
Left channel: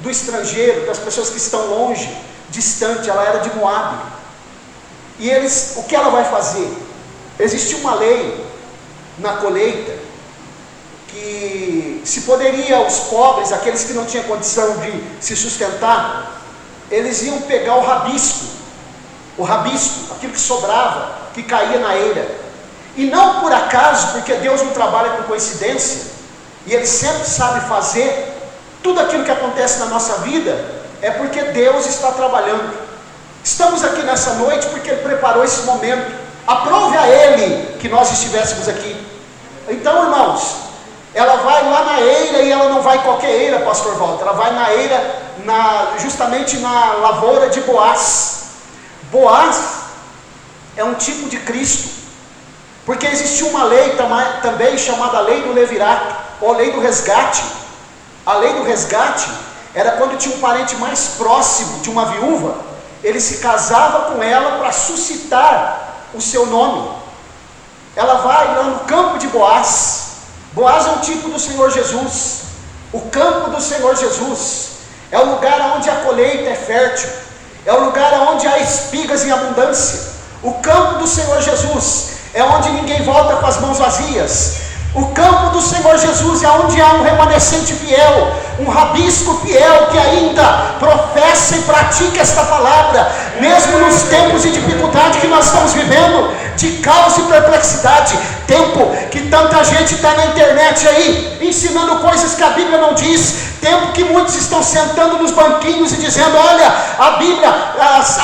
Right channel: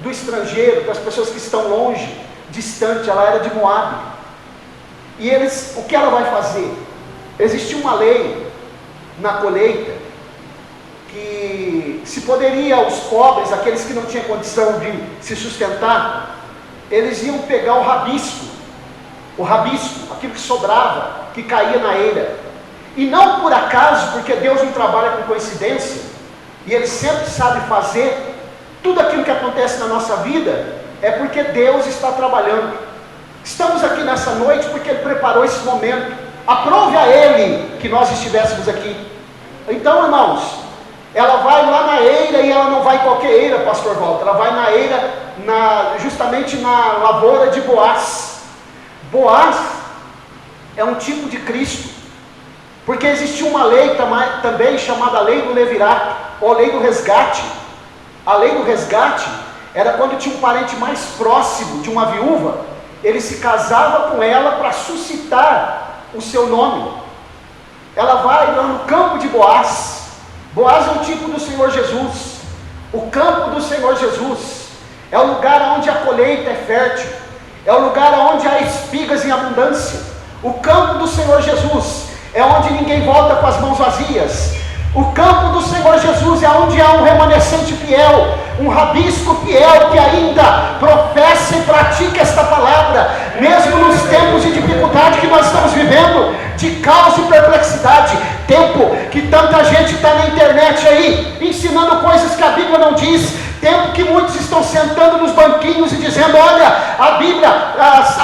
do estrangeiro, das pessoas que estão longe, distante. Ela era de Moabe. E o que ela vai fazer? Existia uma lei na colheita, que se poderia os pobres, aqueles que não tinham condição de se sustentar, eles iam pegar o rabisco, aquilo que sobrava, que caía na eira. E não por acaso, porque Deus não trabalha com coincidência, e Ele sempre sabe fazer. Tudo aquilo que acontece na nossa vida é porque Deus está trabalhando. Estamos aqui nessa noite porque Ele preparou esse momento. Aprove a Ele que nós estivéssemos aqui. Então, irmãos, ela vai lá na eira, e ela não vai qualquer eira, pastor Walter. Ela vai na eira, justamente na lavoura de Boaz. Boaz é um tipo de Cristo, porque existia uma lei também chamada lei do levirato, ou lei do resgate. A lei do resgate era quando tinha um parente mais próximo de uma viúva, ele se casava com ela para suscitar o seu nome. Ela vai lá no campo de Boaz. Boaz é um tipo do Senhor Jesus, o campo do Senhor Jesus. é o lugar onde a colheita é fértil, é o lugar onde há espigas em abundância. O campo do Senhor Jesus é onde ninguém volta com as mãos vazias. O campo do Senhor Jesus é onde há um remanescente fiel, um rabisco fiel que ainda professa e pratica esta palavra, mesmo nos tempos de dificuldade que nós estamos vivendo, de caos e perplexidade, tempo que tanta gente está na internet aí, ensinando coisas que a Bíblia não diz, tempo que muitos estão sentando nos banquinhos e dizendo, olha, a Bíblia,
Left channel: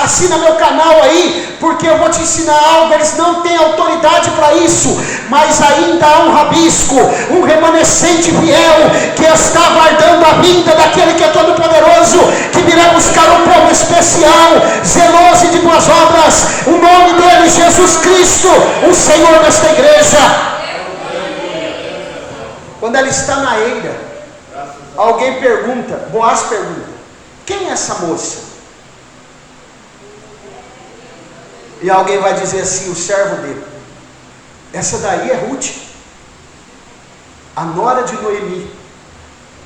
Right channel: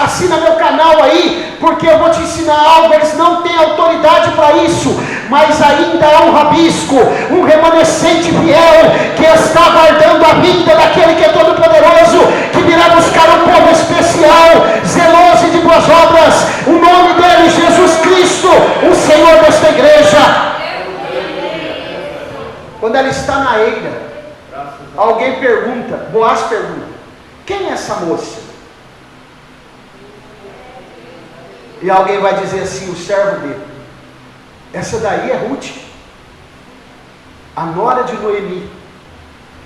assina meu canal aí, porque eu vou te ensinar algo. Eles não têm autoridade para isso, mas ainda há um rabisco, um remanescente fiel, que está aguardando a vinda daquele que é todo poderoso, que virá buscar um povo especial, zeloso e de boas obras. O nome dele, Jesus Cristo, o Senhor desta igreja. Quando ela está na eira, alguém pergunta, Boaz pergunta, quem é essa moça? E alguém vai dizer assim, o servo dele. Essa daí é Ruth, a nora de Noemi.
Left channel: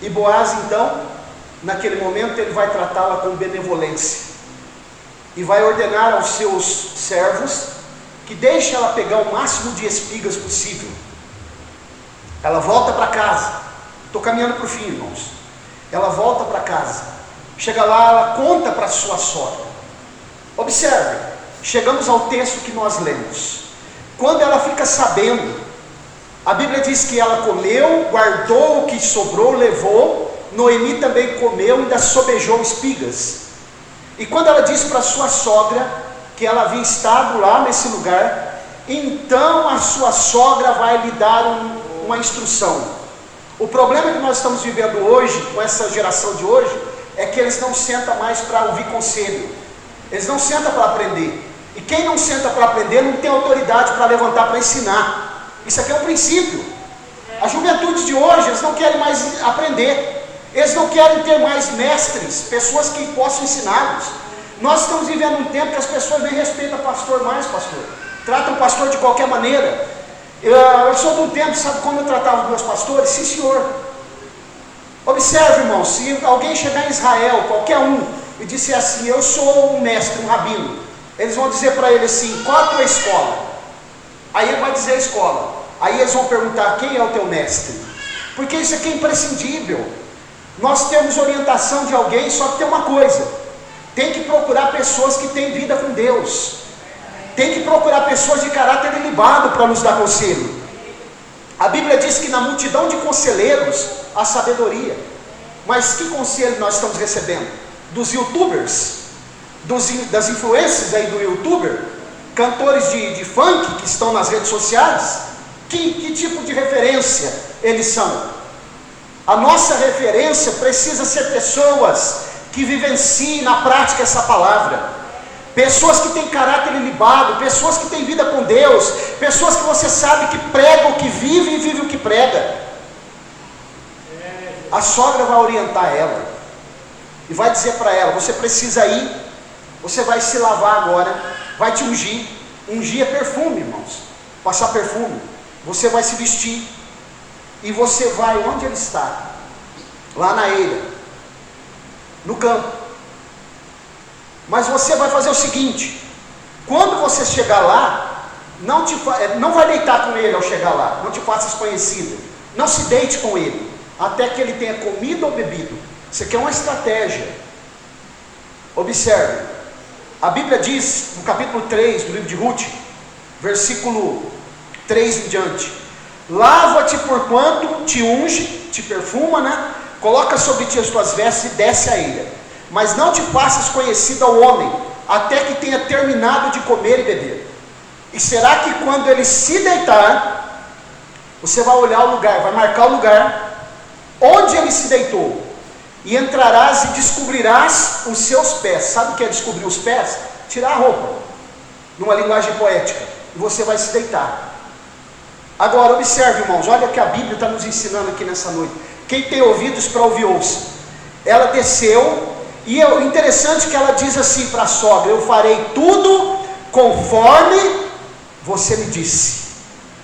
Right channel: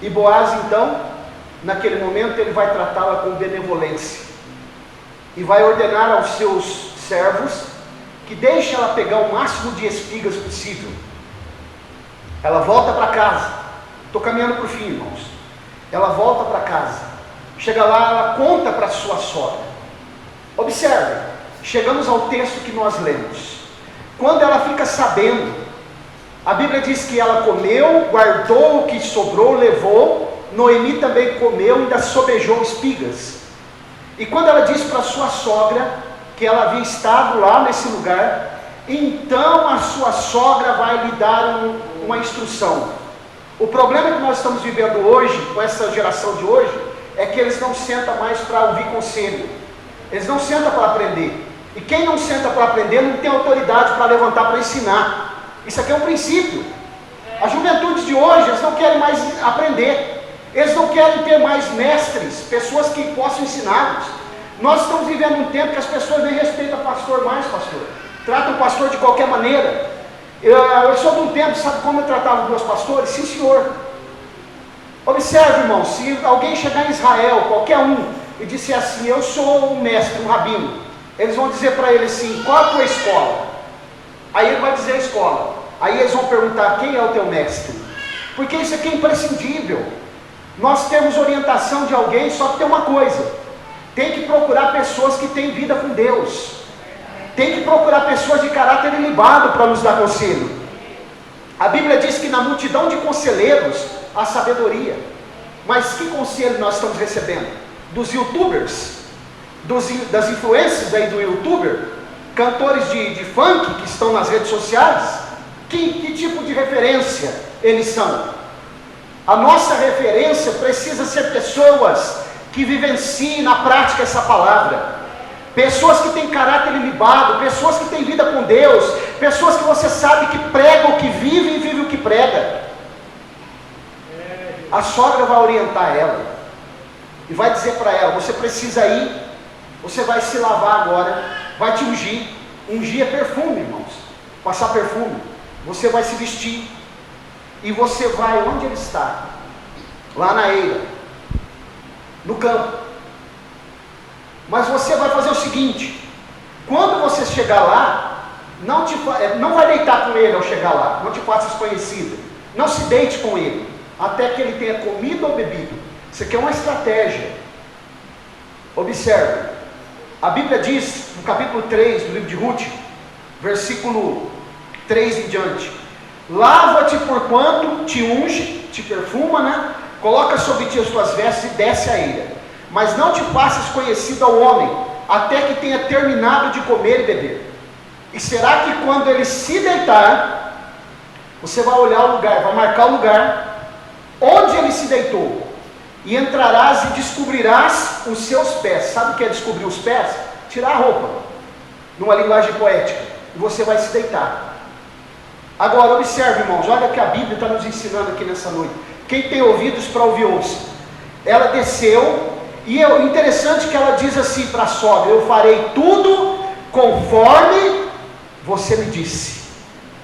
E Boaz então, naquele momento, ele vai tratá-la com benevolência e vai ordenar aos seus servos que deixem ela pegar o máximo de espigas possível. Ela volta para casa. Estou caminhando para o fim, irmãos. Ela volta para casa, chega lá, ela conta para sua sogra. Observem, chegamos ao texto que nós lemos. Quando ela fica sabendo, a Bíblia diz que ela comeu, guardou o que sobrou, levou. Noemi também comeu e ainda sobejou espigas. E quando ela diz para sua sogra que ela havia estado lá nesse lugar, então a sua sogra vai lhe dar uma instrução. O problema que nós estamos vivendo hoje, com essa geração de hoje, é que eles não sentam mais para ouvir conselho, eles não sentam para aprender, e quem não senta para aprender não tem autoridade para levantar para ensinar. Isso aqui é um princípio. A juventude de hoje, eles não querem mais aprender, eles não querem ter mais mestres, pessoas que possam ensiná-los. Nós estamos vivendo um tempo que as pessoas nem respeitam o pastor mais, tratam o pastor de qualquer maneira. Eu sou de um tempo, sabe como eu tratava os meus pastores? Sim, senhor. Observe, irmão, se alguém chegar em Israel, qualquer um, e disser assim, eu sou um mestre, um rabino, eles vão dizer para ele assim, qual a tua escola? Aí ele vai dizer a escola. Aí eles vão perguntar, quem é o teu mestre? Porque isso aqui é imprescindível. Nós temos orientação de alguém, só que tem uma coisa, tem que procurar pessoas que têm vida com Deus. Tem que procurar pessoas de caráter ilibado para nos dar conselho. A Bíblia diz que na multidão de conselheiros há sabedoria. Mas que conselho nós estamos recebendo? Dos youtubers, das influências aí do youtuber, cantores de funk que estão nas redes sociais. Que tipo de referência eles são? A nossa referência precisa ser pessoas que vivenciem na prática essa palavra. Pessoas que têm caráter ilibado, pessoas que têm vida com Deus, pessoas que você sabe que pregam o que vive e vive o que prega. A sogra vai orientar ela e vai dizer para ela, você precisa ir, você vai se lavar agora, vai te ungir. Ungir é perfume, irmãos, passar perfume. Você vai se vestir e você vai onde ele está, lá na eira, no campo. Mas você vai fazer o seguinte, quando você chegar lá, não vai deitar com ele ao chegar lá, não te faça desconhecido, não se deite com ele, até que ele tenha comido ou bebido. Isso aqui é uma estratégia. Observe, a Bíblia diz, no capítulo 3 do livro de Ruth, versículo 3 em diante, lava-te porquanto te unge, te perfuma, né? Coloca sobre ti as tuas vestes e desce a eira. Mas não te faças conhecido ao homem, até que tenha terminado de comer e beber. E será que quando ele se deitar, você vai olhar o lugar, vai marcar o lugar onde ele se deitou, e entrarás e descobrirás os seus pés. Sabe o que é descobrir os pés? Tirar a roupa, numa linguagem poética, e você vai se deitar. Agora observe, irmãos, olha o que a Bíblia está nos ensinando aqui nessa noite. Quem tem ouvidos para ouvir, ouça. Ela desceu. E o interessante é que ela diz assim para a sogra, eu farei tudo conforme você me disse.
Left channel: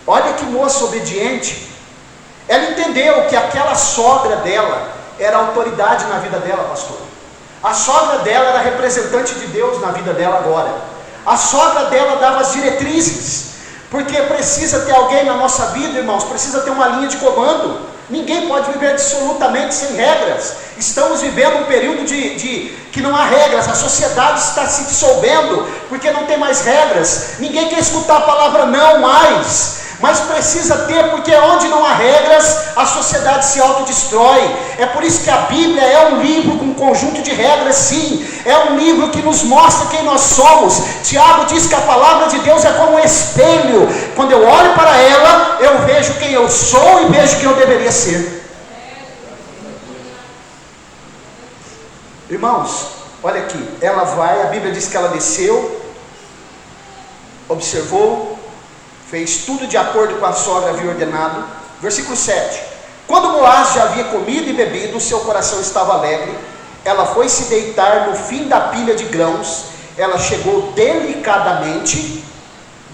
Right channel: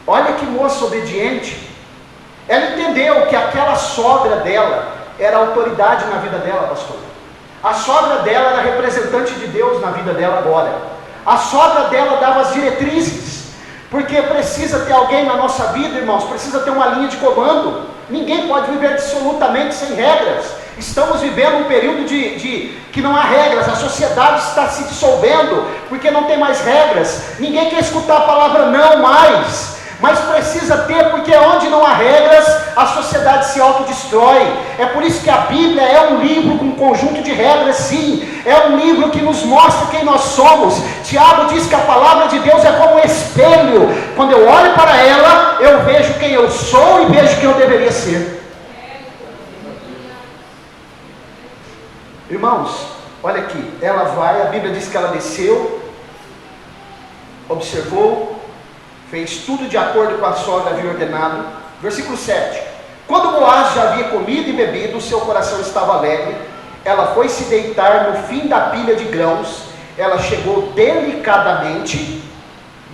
Olha que moça obediente. Ela entendeu que aquela sogra dela era autoridade na vida dela, pastor. A sogra dela era representante de Deus na vida dela agora. A sogra dela dava as diretrizes, porque precisa ter alguém na nossa vida, irmãos, precisa ter uma linha de comando. Ninguém pode viver absolutamente sem regras. Estamos vivendo um período que não há regras. A sociedade está se dissolvendo porque não tem mais regras. Ninguém quer escutar a palavra não mais, mas precisa ter, porque onde não há regras, a sociedade se autodestrói. É por isso que a Bíblia é um livro com um conjunto de regras, sim. É um livro que nos mostra quem nós somos. Tiago diz que a palavra de Deus é como um espelho. Quando eu olho para ela, eu vejo quem eu sou e vejo quem eu deveria ser. Irmãos, olha aqui, ela vai, a Bíblia diz que ela desceu, observou, fez tudo de acordo com a sogra havia ordenado. Versículo 7. Quando Boaz já havia comido e bebido, o seu coração estava alegre. Ela foi se deitar no fim da pilha de grãos. Ela chegou delicadamente,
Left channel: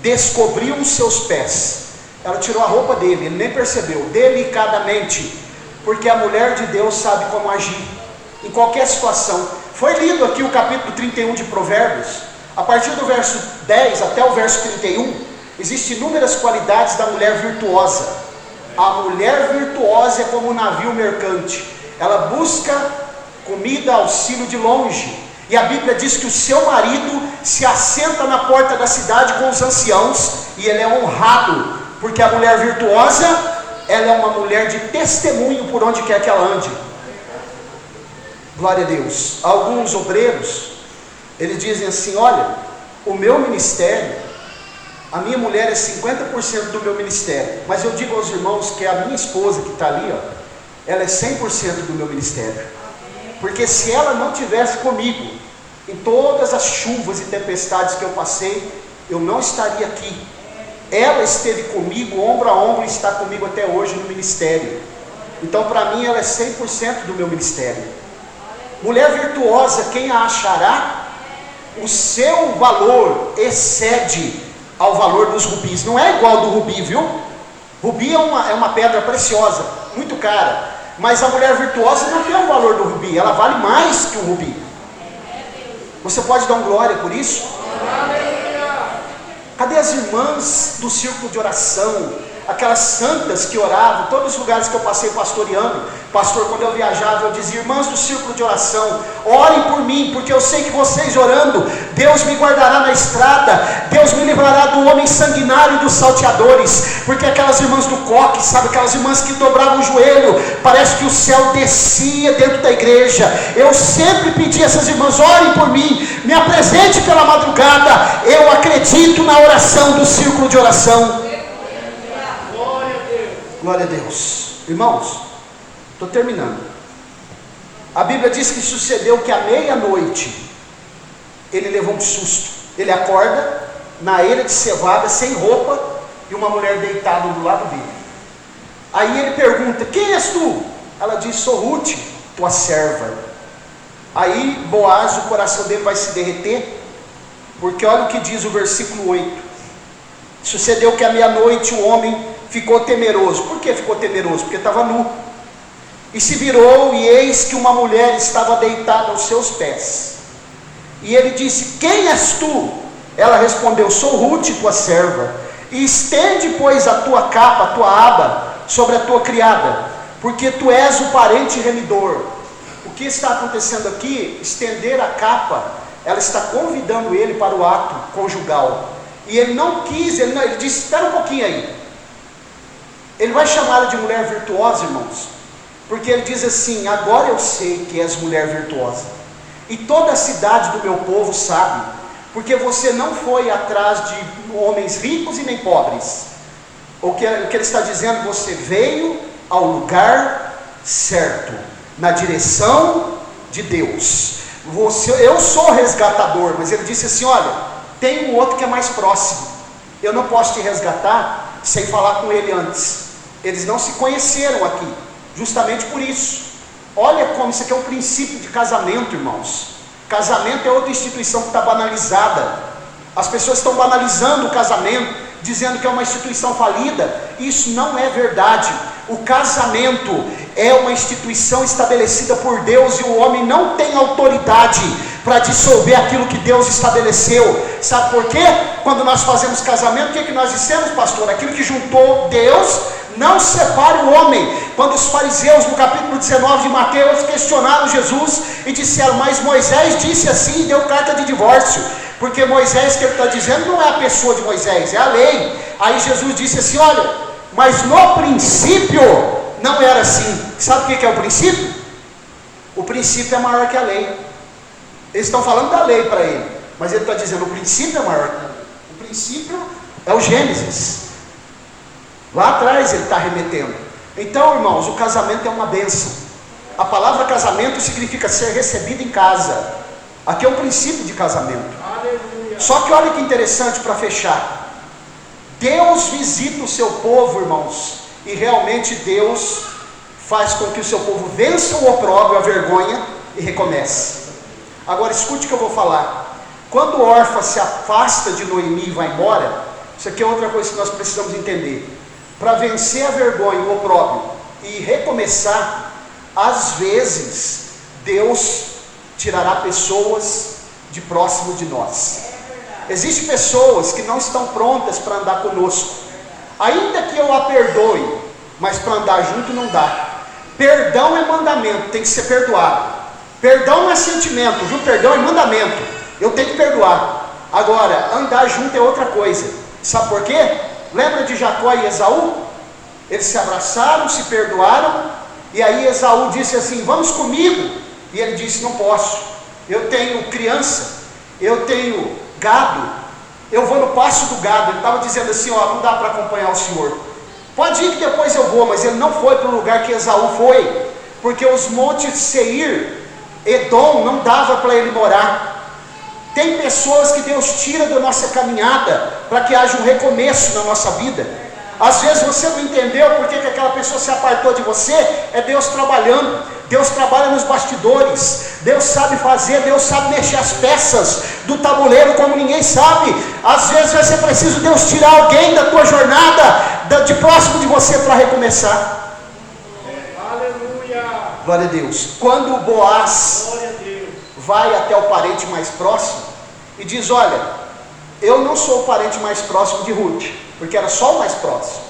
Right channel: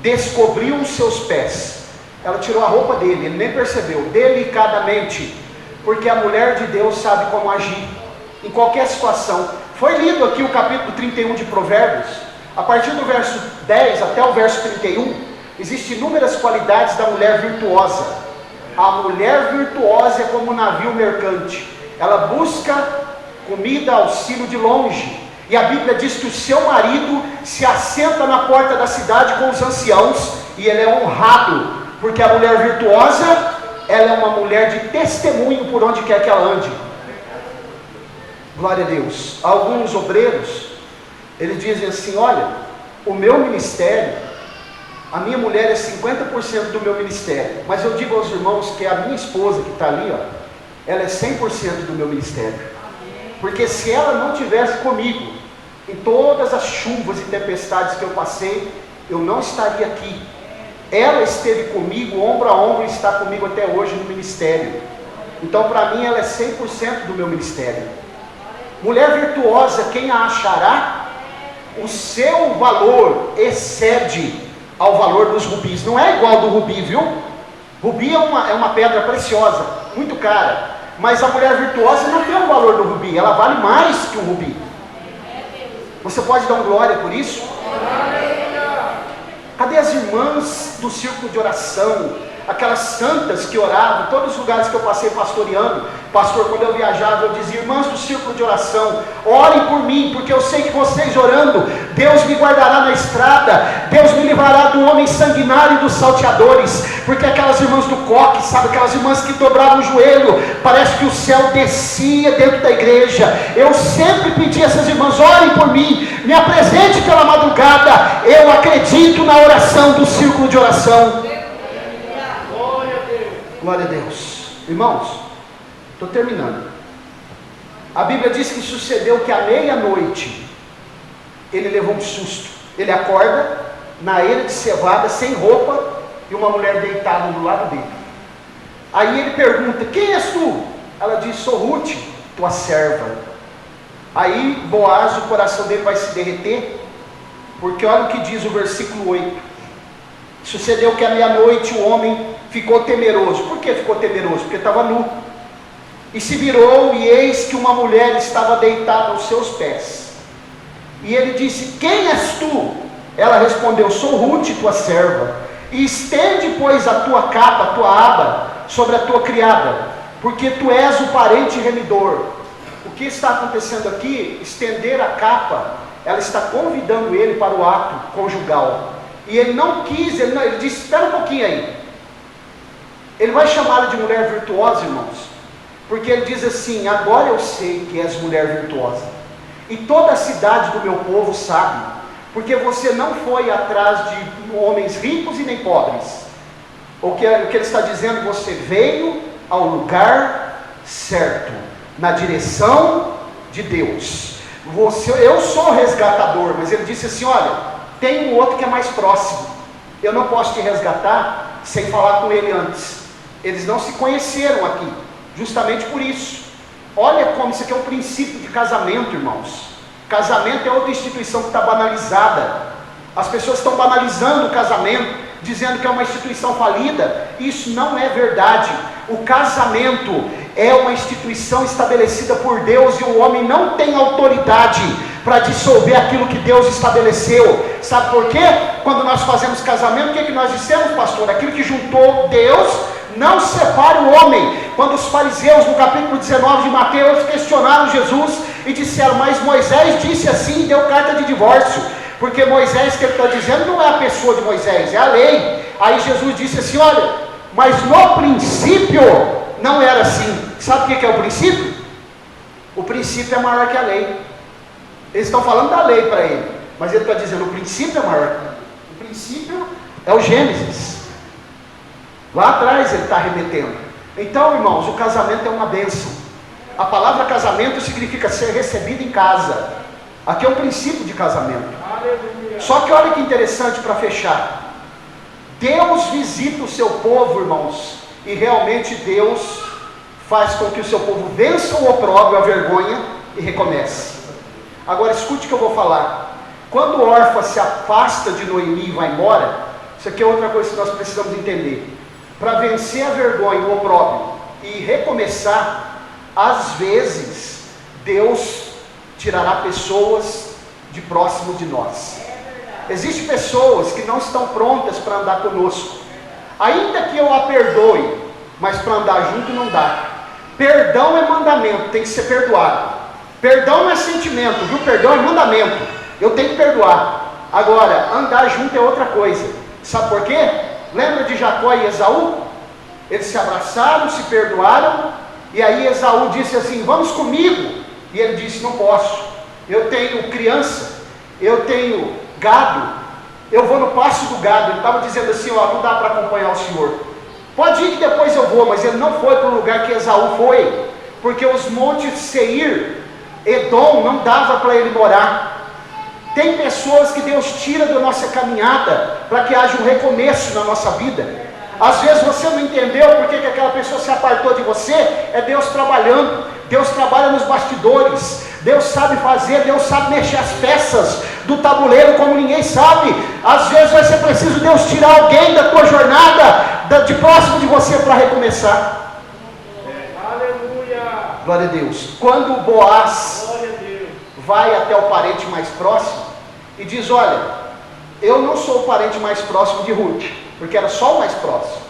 descobriu os seus pés. Ela tirou a roupa dele, ele nem percebeu. Delicadamente, porque a mulher de Deus sabe como agir em qualquer situação. Foi lido aqui o capítulo 31 de Provérbios. A partir do verso 10 até o verso 31, existem inúmeras qualidades da mulher virtuosa. A mulher virtuosa é como um navio mercante. Ela busca comida, auxílio de longe. E a Bíblia diz que o seu marido se assenta na porta da cidade com os anciãos, e ele é honrado, porque a mulher virtuosa, ela é uma mulher de testemunho por onde quer que ela ande. Glória a Deus. Alguns obreiros, eles dizem assim: olha, o meu ministério, a minha mulher é 50% do meu ministério, mas eu digo aos irmãos que a minha esposa que está ali, ó, ela é 100% do meu ministério, porque se ela não tivesse comigo em todas as chuvas e tempestades que eu passei, eu não estaria aqui. Ela esteve comigo ombro a ombro e está comigo até hoje no ministério. Então para mim ela é 100% do meu ministério. Mulher virtuosa, quem a achará? O seu valor excede ao valor dos rubis. Não é igual ao do rubi, viu? Rubi é uma pedra preciosa, muito cara. Mas a mulher virtuosa não tem o valor do rubi, ela vale mais que o rubi. Você pode dar um glória por isso? Cadê as irmãs do círculo de oração? Aquelas santas que oravam, todos os lugares que eu passei pastoreando, pastor, quando eu viajava, eu dizia: irmãs do círculo de oração, orem por mim, porque eu sei que vocês orando, Deus me guardará na estrada, Deus me livrará do homem sanguinário e dos salteadores. Porque aquelas irmãs do coque, sabe, aquelas irmãs que dobravam o joelho, parece que o céu descia dentro da igreja. Eu sempre pedi a essas irmãs: orem por mim, me apresente pela madrugada. Eu acredito na oração do círculo de oração. Glória a Deus. Irmãos, estou terminando. A Bíblia diz que sucedeu que à meia-noite ele levou um susto. Ele acorda na eira de cevada, sem roupa, e uma mulher deitada do lado dele. Aí ele pergunta: quem és tu? Ela diz: sou Ruth, tua serva. Aí Boaz, o coração dele vai se derreter, porque olha o que diz o versículo 8. Sucedeu que à meia-noite o homem ficou temeroso. Por que ficou temeroso? Porque estava nu. E se virou, e eis que uma mulher estava deitada aos seus pés. E ele disse: quem és tu? Ela respondeu: sou Ruth, tua serva. E estende, pois, a tua capa, a tua aba, sobre a tua criada, porque tu és o parente remidor. O que está acontecendo aqui? Estender a capa, ela está convidando ele para o ato conjugal. E ele não quis, ele disse: espera um pouquinho aí. Ele vai chamá-la de mulher virtuosa, irmãos, porque ele diz assim: agora eu sei que és mulher virtuosa, e toda a cidade do meu povo sabe, porque você não foi atrás de homens ricos e nem pobres. O que ele está dizendo: você veio ao lugar certo, na direção de Deus. Eu sou resgatador, mas ele disse assim: olha, tem um outro que é mais próximo, eu não posso te resgatar sem falar com ele antes. Eles não se conheceram aqui, justamente por isso. Olha como isso aqui é um princípio de casamento, irmãos. Casamento é outra instituição que está banalizada. As pessoas estão banalizando o casamento. dizendo que é uma instituição falida. Isso não é verdade. O casamento é uma instituição estabelecida por Deus, e o homem não tem autoridade para dissolver aquilo que Deus estabeleceu. Sabe por quê? Quando nós fazemos casamento, o que nós dissemos, pastor? Aquilo que juntou Deus não separe o homem. Quando os fariseus, no capítulo 19 de Mateus, questionaram Jesus e disseram: mas Moisés disse assim e deu carta de divórcio. Porque Moisés, que ele está dizendo, não é a pessoa de Moisés, é a lei. Aí Jesus disse assim: olha, mas no princípio não era assim. Sabe o que é o princípio? O princípio é maior que a lei. Eles estão falando da lei para ele, mas ele está dizendo: o princípio é maior. O princípio é o Gênesis. Lá atrás ele está remetendo. Então, irmãos, o casamento é uma bênção. A palavra casamento significa ser recebido em casa. Aqui é o princípio de casamento. Aleluia. Só que olha que interessante para fechar. Deus visita o seu povo, irmãos, e realmente Deus faz com que o seu povo vença o opróbrio, a vergonha, e recomece. Agora escute o que eu vou falar. Quando Orfa se afasta de Noemi e vai embora, isso aqui é outra coisa que nós precisamos entender. Para vencer a vergonha, o opróbrio e recomeçar, às vezes Deus tirará pessoas de próximo de nós. Existem pessoas que não estão prontas para andar conosco, ainda que eu a perdoe, mas para andar junto não dá. Perdão é mandamento, tem que ser perdoado. Perdão não é sentimento, viu? Perdão é mandamento, eu tenho que perdoar. Agora, andar junto é outra coisa. Sabe por quê? Lembra de Jacó e Esaú? Eles se abraçaram, se perdoaram, e aí Esaú disse assim: vamos comigo. E ele disse: não posso, eu tenho criança, eu tenho gado, eu vou no pasto do gado. Ele estava dizendo assim: ó, não dá para acompanhar o senhor, pode ir que depois eu vou. Mas ele não foi para o lugar que Esaú foi, porque os montes de Seir, Edom, não dava para ele morar. Tem pessoas que Deus tira da nossa caminhada para que haja um recomeço na nossa vida. Às vezes você não entendeu porque que aquela pessoa se apartou de você. É Deus trabalhando. Deus trabalha nos bastidores. Deus sabe fazer, Deus sabe mexer as peças do tabuleiro como ninguém sabe. Às vezes vai ser preciso Deus tirar alguém da tua jornada, de próximo de você, para recomeçar. Aleluia. Glória a Deus. Quando o Boaz vai até o parente mais próximo e diz: olha, eu não sou o parente mais próximo de Ruth, porque era só o mais próximo,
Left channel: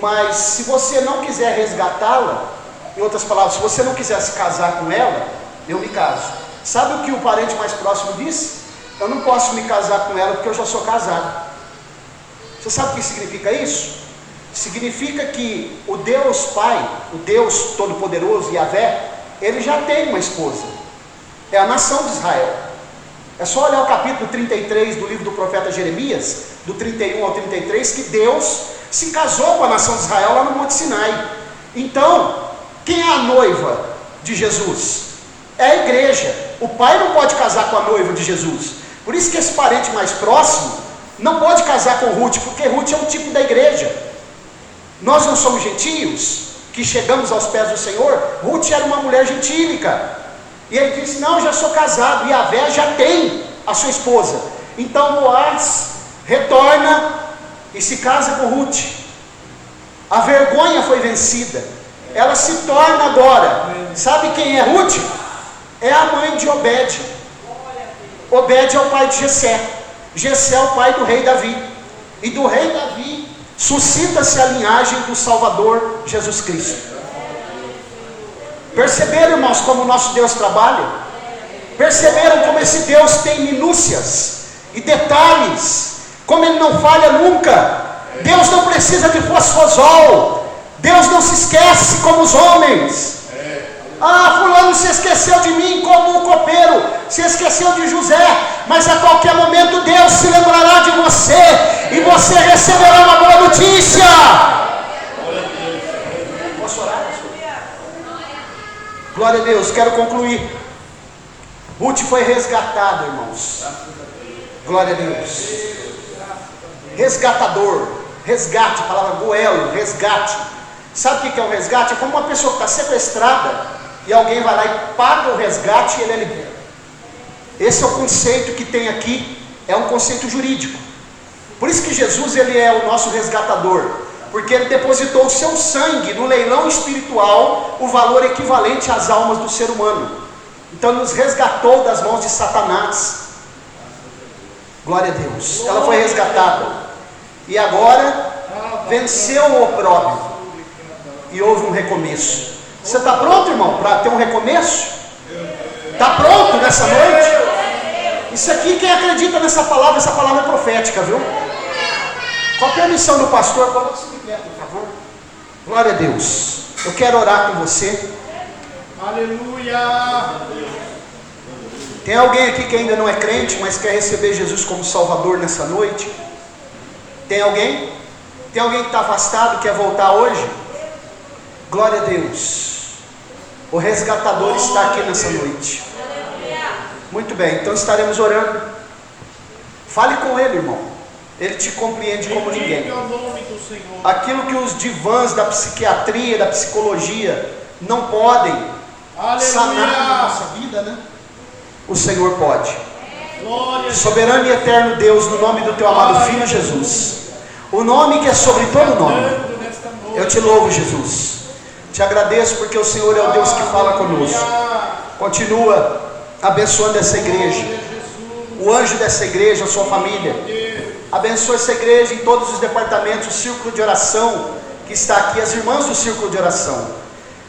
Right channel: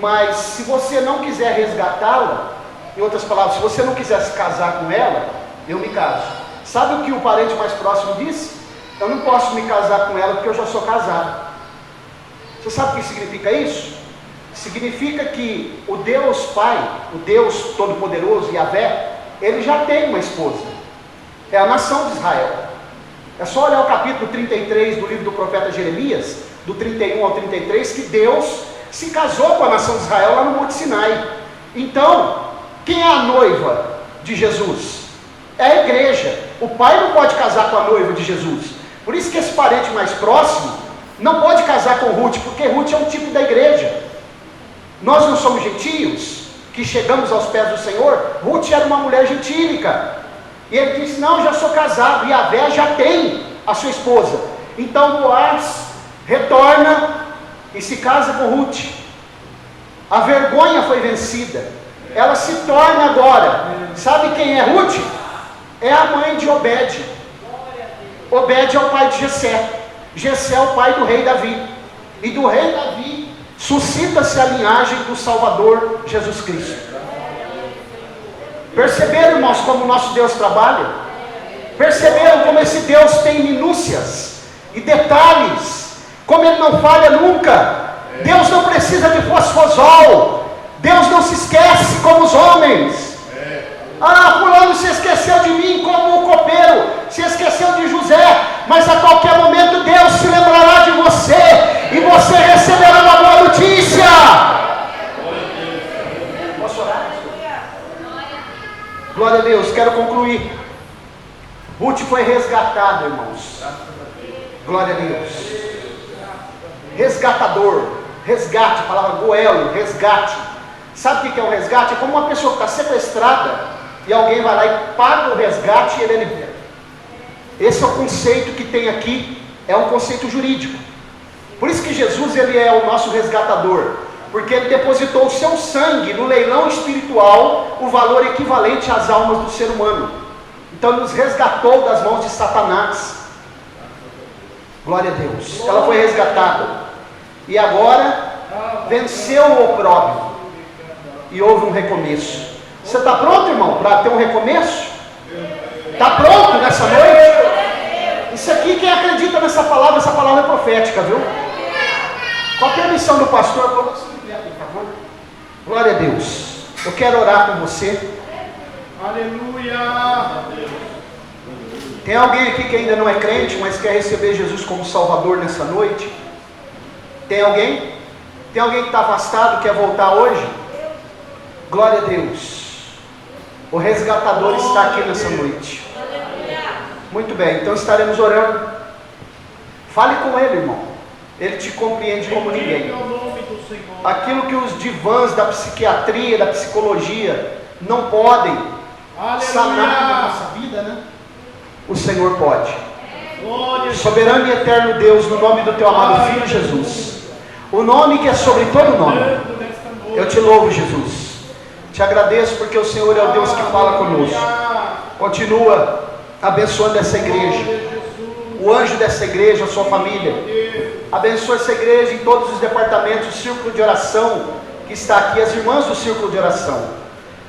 mas se você não quiser resgatá-la, em outras palavras, se você não quiser se casar com ela, eu me caso. Sabe o que o parente mais próximo disse? Eu não posso me casar com ela porque eu já sou casado. Você sabe o que significa isso? Significa que o Deus Pai, o Deus Todo-Poderoso, Yahvé, ele já tem uma esposa. É a nação de Israel. É só olhar o capítulo 33 do livro do profeta Jeremias, do 31 ao 33, que Deus se casou com a nação de Israel lá no Monte Sinai. Então, quem é a noiva de Jesus? É a igreja. O pai não pode casar com a noiva de Jesus. Por isso que esse parente mais próximo não pode casar com Ruth, porque Ruth é o tipo da igreja. Nós não somos gentios que chegamos aos pés do Senhor. Ruth era uma mulher gentílica. E ele disse: não, já sou casado, e Yahvé já tem a sua esposa. Então Boaz retorna e se casa com Ruth. A vergonha foi vencida. Ela se torna agora, sabe quem é Ruth? É a mãe de Obed. Obed é o pai de Jessé. Jessé é o pai do rei Davi. E do rei Davi suscita-se a linhagem do Salvador Jesus Cristo. Perceberam, irmãos, como o nosso Deus trabalha? Perceberam como esse Deus tem minúcias e detalhes, como Ele não falha nunca? Deus não precisa de fosfosol. Deus não se esquece como os homens. Ah, fulano se esqueceu de mim como o copeiro se esqueceu de José, mas a qualquer momento Deus se lembrará de você e você receberá uma boa notícia. Glória a Deus. Quero concluir. Ruth foi resgatada, irmãos. Glória a Deus. Resgatador, resgate, a palavra goelo, resgate. Sabe o que é um resgate? É como uma pessoa que está sequestrada e alguém vai lá e paga o resgate e ele é liberto. Esse é o conceito que tem aqui, é um conceito jurídico. Por isso que Jesus, ele é o nosso resgatador, porque ele depositou o seu sangue no leilão espiritual, o valor equivalente às almas do ser humano. Então ele nos resgatou das mãos de Satanás. Glória a Deus. Ela foi resgatada e agora venceu o opróbrio e houve um recomeço. Você está pronto, irmão, para ter um recomeço? Está pronto nessa noite? Isso aqui, quem acredita nessa palavra, essa palavra é profética, viu? Com a permissão do pastor, agora você me por favor. Glória a Deus. Eu quero orar com você. Aleluia. Tem alguém aqui que ainda não é crente, mas quer receber Jesus como Salvador nessa noite? Tem alguém? Tem alguém que está afastado, quer voltar hoje? Glória a Deus. O resgatador está aqui nessa noite. Muito bem, então estaremos orando. Fale com ele, irmão. Ele te compreende como ninguém. Aquilo que os divãs da psiquiatria, da psicologia não podem sanar na nossa vida, né? O Senhor pode. Soberano e eterno Deus, no nome do teu amado Filho Jesus, o nome que é sobre todo nome, eu te louvo, Jesus. Te agradeço porque o Senhor é o Deus que fala conosco. Continua abençoando essa igreja, o anjo dessa igreja, a sua família. Abençoa essa igreja em todos os departamentos, o círculo de oração que está aqui, as irmãs do círculo de oração.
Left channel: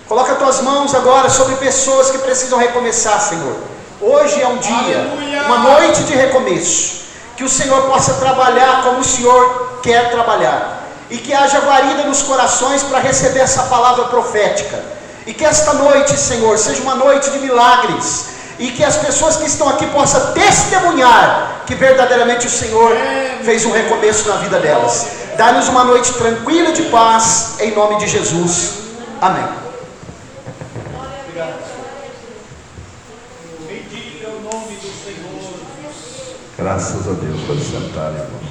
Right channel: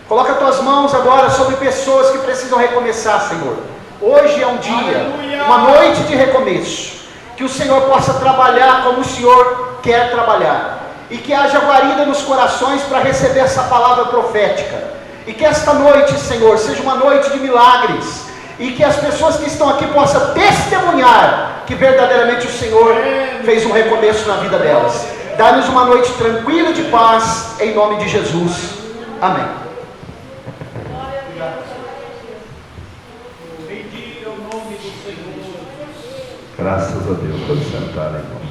Coloca as tuas mãos agora sobre pessoas que precisam recomeçar, Senhor. Hoje é um dia, uma noite de recomeço. Que o Senhor possa trabalhar como o Senhor quer trabalhar. E que haja guarida nos corações para receber essa palavra profética. E que esta noite, Senhor, seja uma noite de milagres. E que as pessoas que estão aqui possam testemunhar que verdadeiramente o Senhor fez um recomeço na vida delas. Dá-nos uma noite tranquila de paz, em nome de Jesus. Amém. Bendiga o nome do Senhor. Graças a Deus. Pode sentar, irmão.